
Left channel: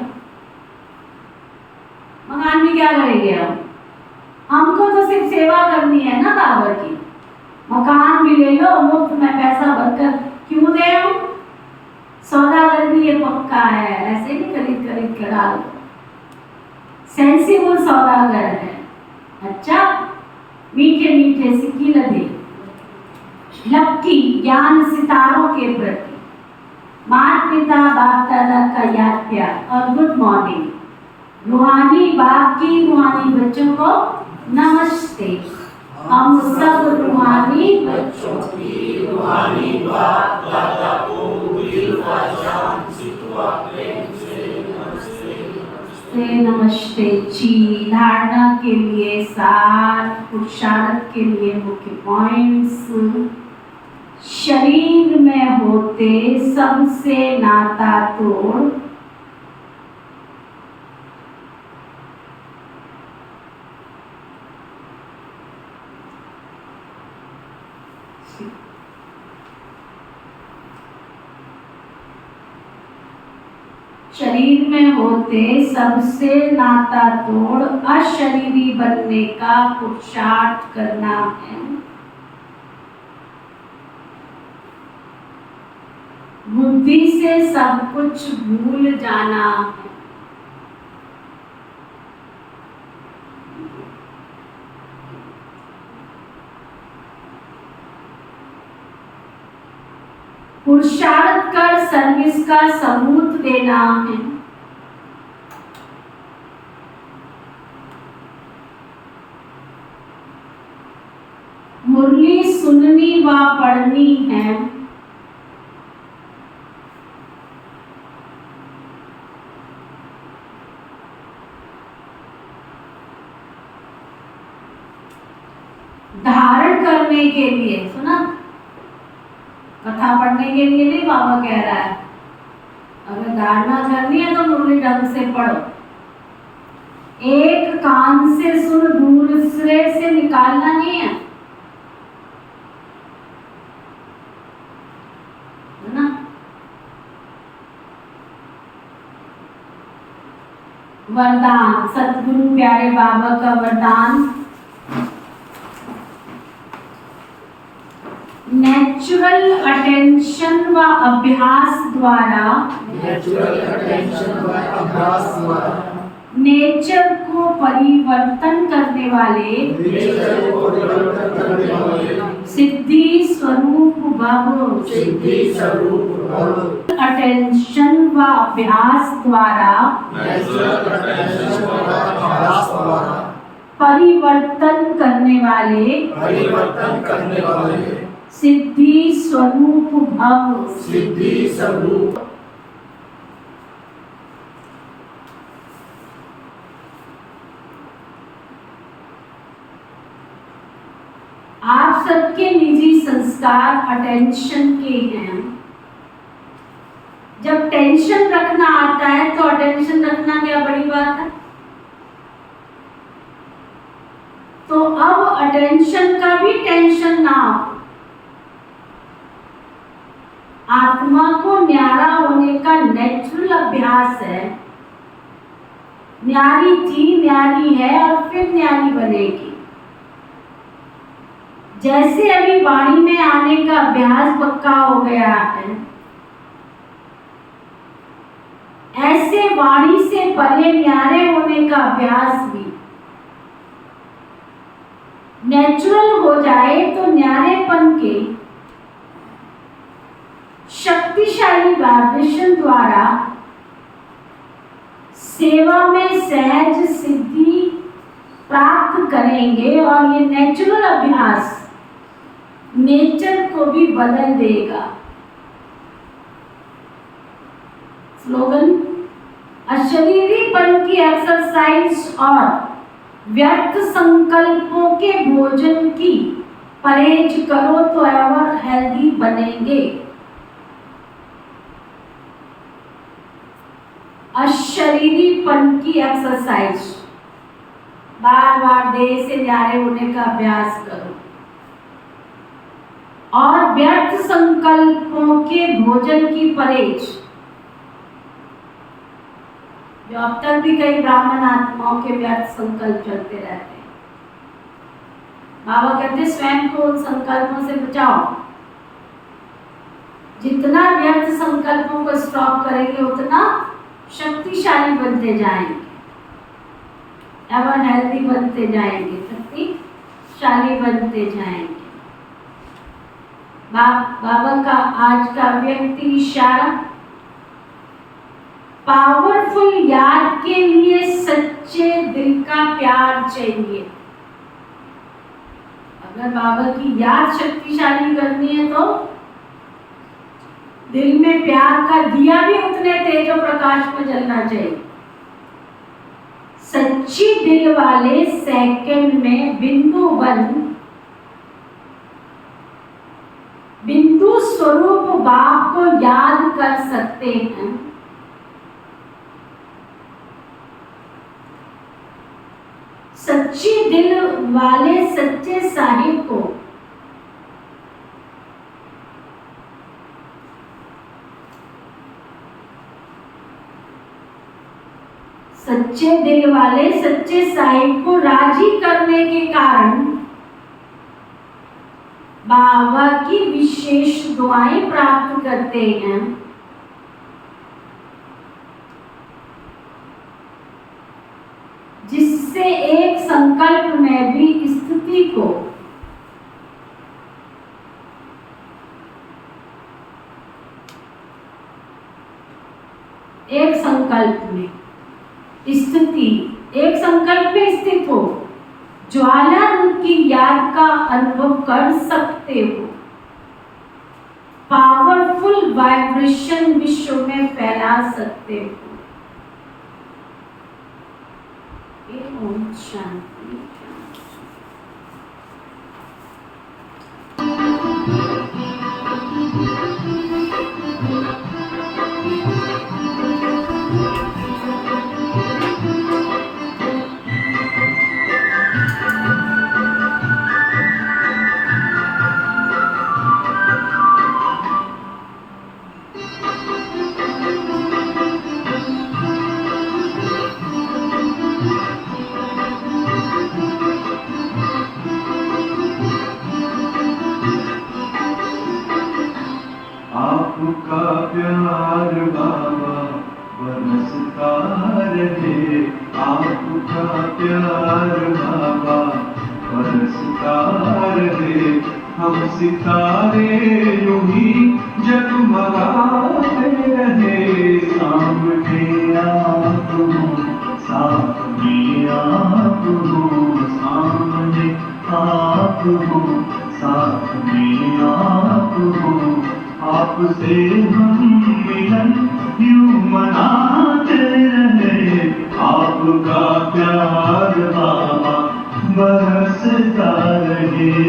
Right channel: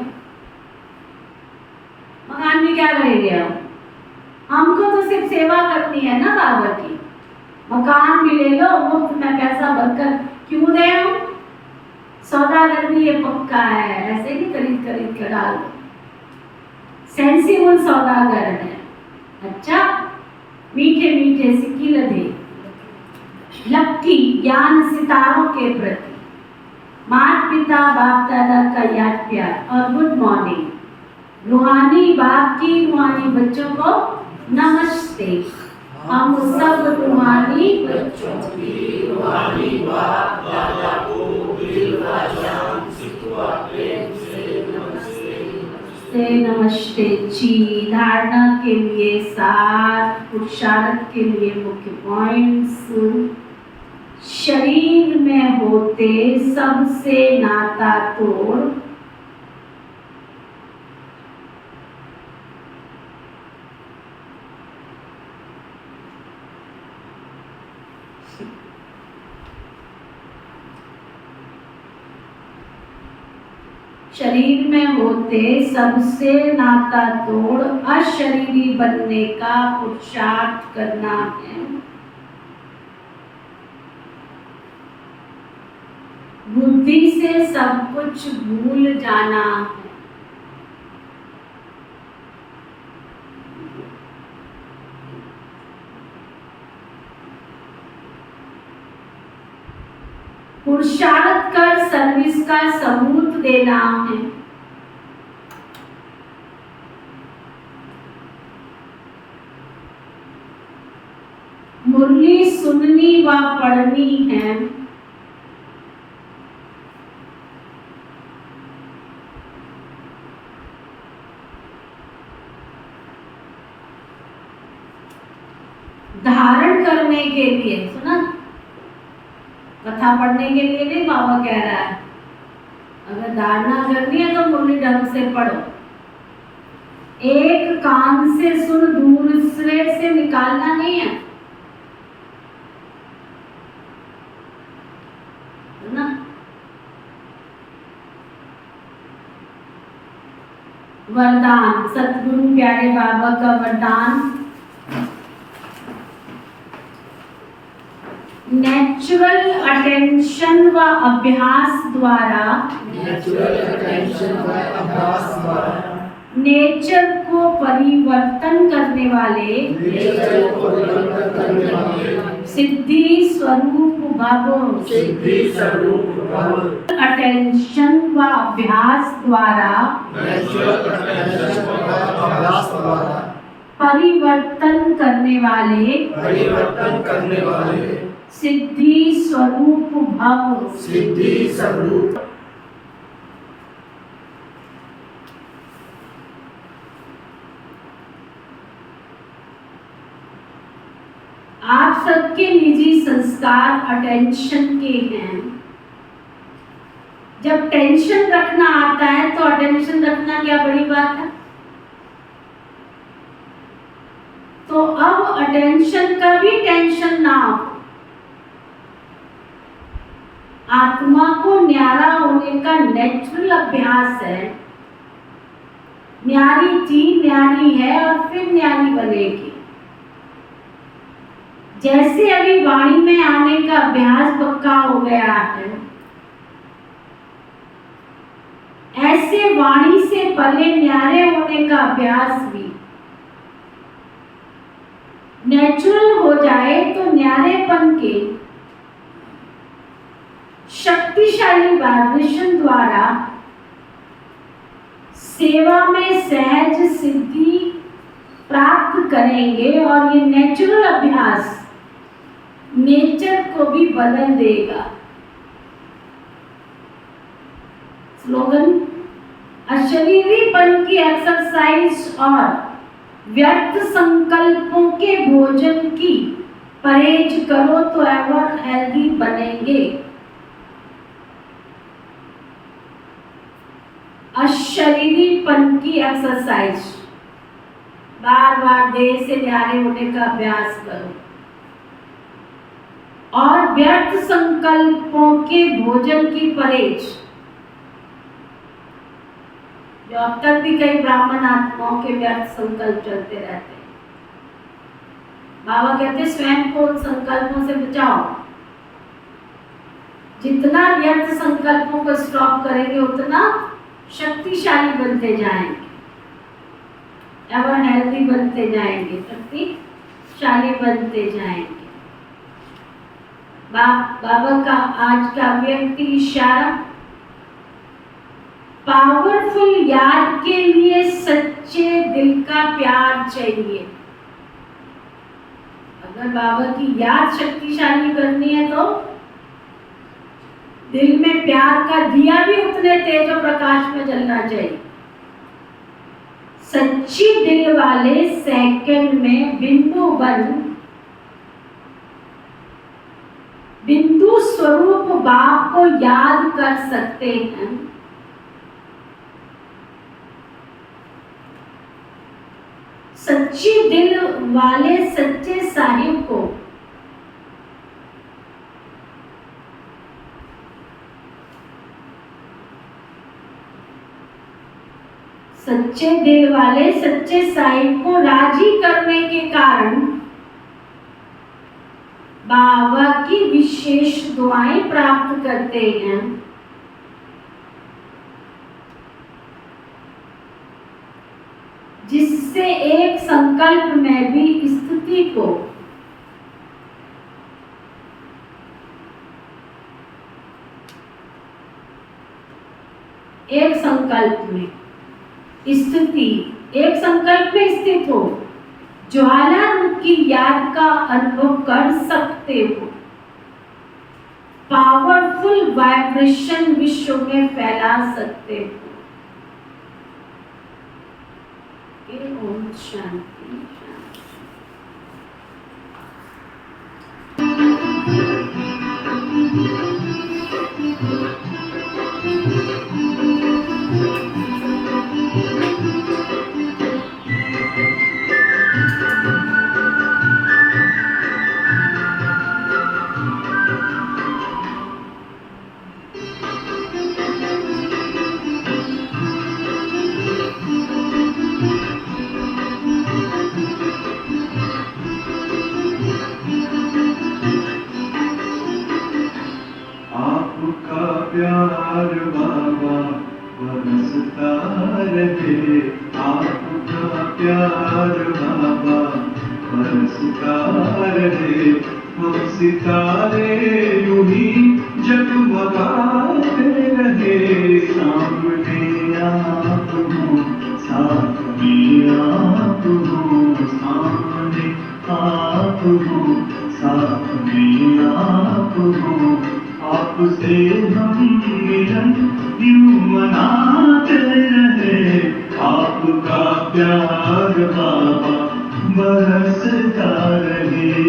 मकान भी क्या करेंगे हम? हमको तो सिर्फ सेवा करनी है ना बाबा की। मकान भी ले लो, मुफ्त में पैसा भरकर क्यों दे रहा हूं? सौदागरी ये पक्का है, ऐसे नहीं खरीद खरीद के डाल दो। सेंसिबल सौदागर है। अच्छा, मीठे मीठे सिक्की लदे लपकी ज्ञान सितारों के प्रति, माता पिता बाप दादा का याद प्यार और गुड मॉर्निंग। रूहानी बाप की रूहानी बच्चों को नमस्ते। हम सब रूहानी बच्चों की रूहानी बाप दादा को दिल का शांत सितवा प्रेम से नमस्ते नमस्ते जी। धारणा के लिए सार, पुरुषार्थ के लिए मुख्य पॉइंट्स। शरीर में होते सबसे नाता तोड़, शरीर में होते सबसे नाता तोड़, अशरीरी बनने का पुरुषार्थ करना है। बुद्धि से सब कुछ भूल जाना है। पुरुषार्थ कर सर्विस का सबूत देना है। मुरली सुननी व पढ़नी है। धारण करने के लिए, सुना, कथा पढ़ने के लिए नहीं बाबा कह रहा है। अगर धारणा करनी है तो मुरली ढंग से पढ़ो। एक कान से सुन दूसरे से निकालना नहीं है ना। वरदान, सतगुरु प्यारे बाबा का वरदान, नेचुरल अटेंशन व अभ्यास द्वारा, नेचर को परिवर्तन करने वाले भव सिद्धि स्वरूप भव अटेंशन व अभ्यास द्वारा नेचुरल अटेंशन द्वारा अभ्यास द्वारा परिवर्तन करने वाले सिद्धि स्वरूप भव सिद्धि स्वरूप आप सबके निजी संस्कार अटेंशन के हैं। जब टेंशन रखना आता है तो अटेंशन रखना क्या बड़ी बात है। तो अब अटेंशन का भी टेंशन ना हो। आत्मा को न्यारा होने का नेचुरल अभ्यास है। न्यारी थी, न्यारी है और फिर न्यारी बनेगी। जैसे अभी वाणी में आने का अभ्यास पक्का हो गया है, ऐसे वाणी से परे न्यारे होने का अभ्यास भी नेचुरल हो जाए तो न्यारेपन के शक्तिशाली वाइब्रेशन द्वारा सेवा में सहज सिद्धि प्राप्त करेंगे और ये नेचुरल अभ्यास नेचर को भी बदल देगा। स्लोगन, अशरीरीपन की एक्सरसाइज और व्यर्थ संकल्पों के भोजन की परहेज करो तो एवर हेल्दी बनेंगे। अशरीरीपन की एक्सरसाइज, बार बार देह से न्यारे होने का अभ्यास करो और व्यर्थ संकल्पों के भोजन की परहेज। जो अब तक भी कई ब्राह्मण आत्माओं के व्यर्थ संकल्प चलते रहते हैं, बाबा कहते स्वयं को उन संकल्पों से बचाओ। जितना व्यर्थ संकल्पों को स्टॉप करेंगे उतना शक्तिशाली बनते जाएंगे, एवर हेल्दी बनते जाएंगे, शक्तिशाली बनते जाएंगे। बाबा का आज का व्यक्ति इशारा, पावरफुल याद के लिए सच्चे दिल का प्यार चाहिए। अगर बाबा की याद शक्तिशाली करनी है तो दिल में प्यार का दिया भी उतने तेजो प्रकाश में जलना चाहिए। सच्ची दिल वाले सेकंड में बिंदु स्वरूप बाप को याद कर सकते हैं। सच्ची दिल वाले सच्चे साहिब को सच्चे दिल वाले सच्चे साहिब को राजी करने के कारण बाबा की विशेष दुआएं प्राप्त करते हैं। जिससे एक संकल्प में भी स्थिति को एक संकल्प में स्थित हो, ज्वाला रूप की याद का अनुभव कर सकते हो। पावरफुल वाइब्रेशन विश्व में फैला सकते हो। ओम शांति। आपका प्यार बाबा बरसता रहे, आपका प्यार बाबा बरसता रहे हम सितारे यूं ही जगमगाते रहे सामने आप हो साथ में आप हो सामने आप हो साथ में आप हो आपसे हम मिलन यूं मनाते रहे आपका प्यार बाबा बरसता रहे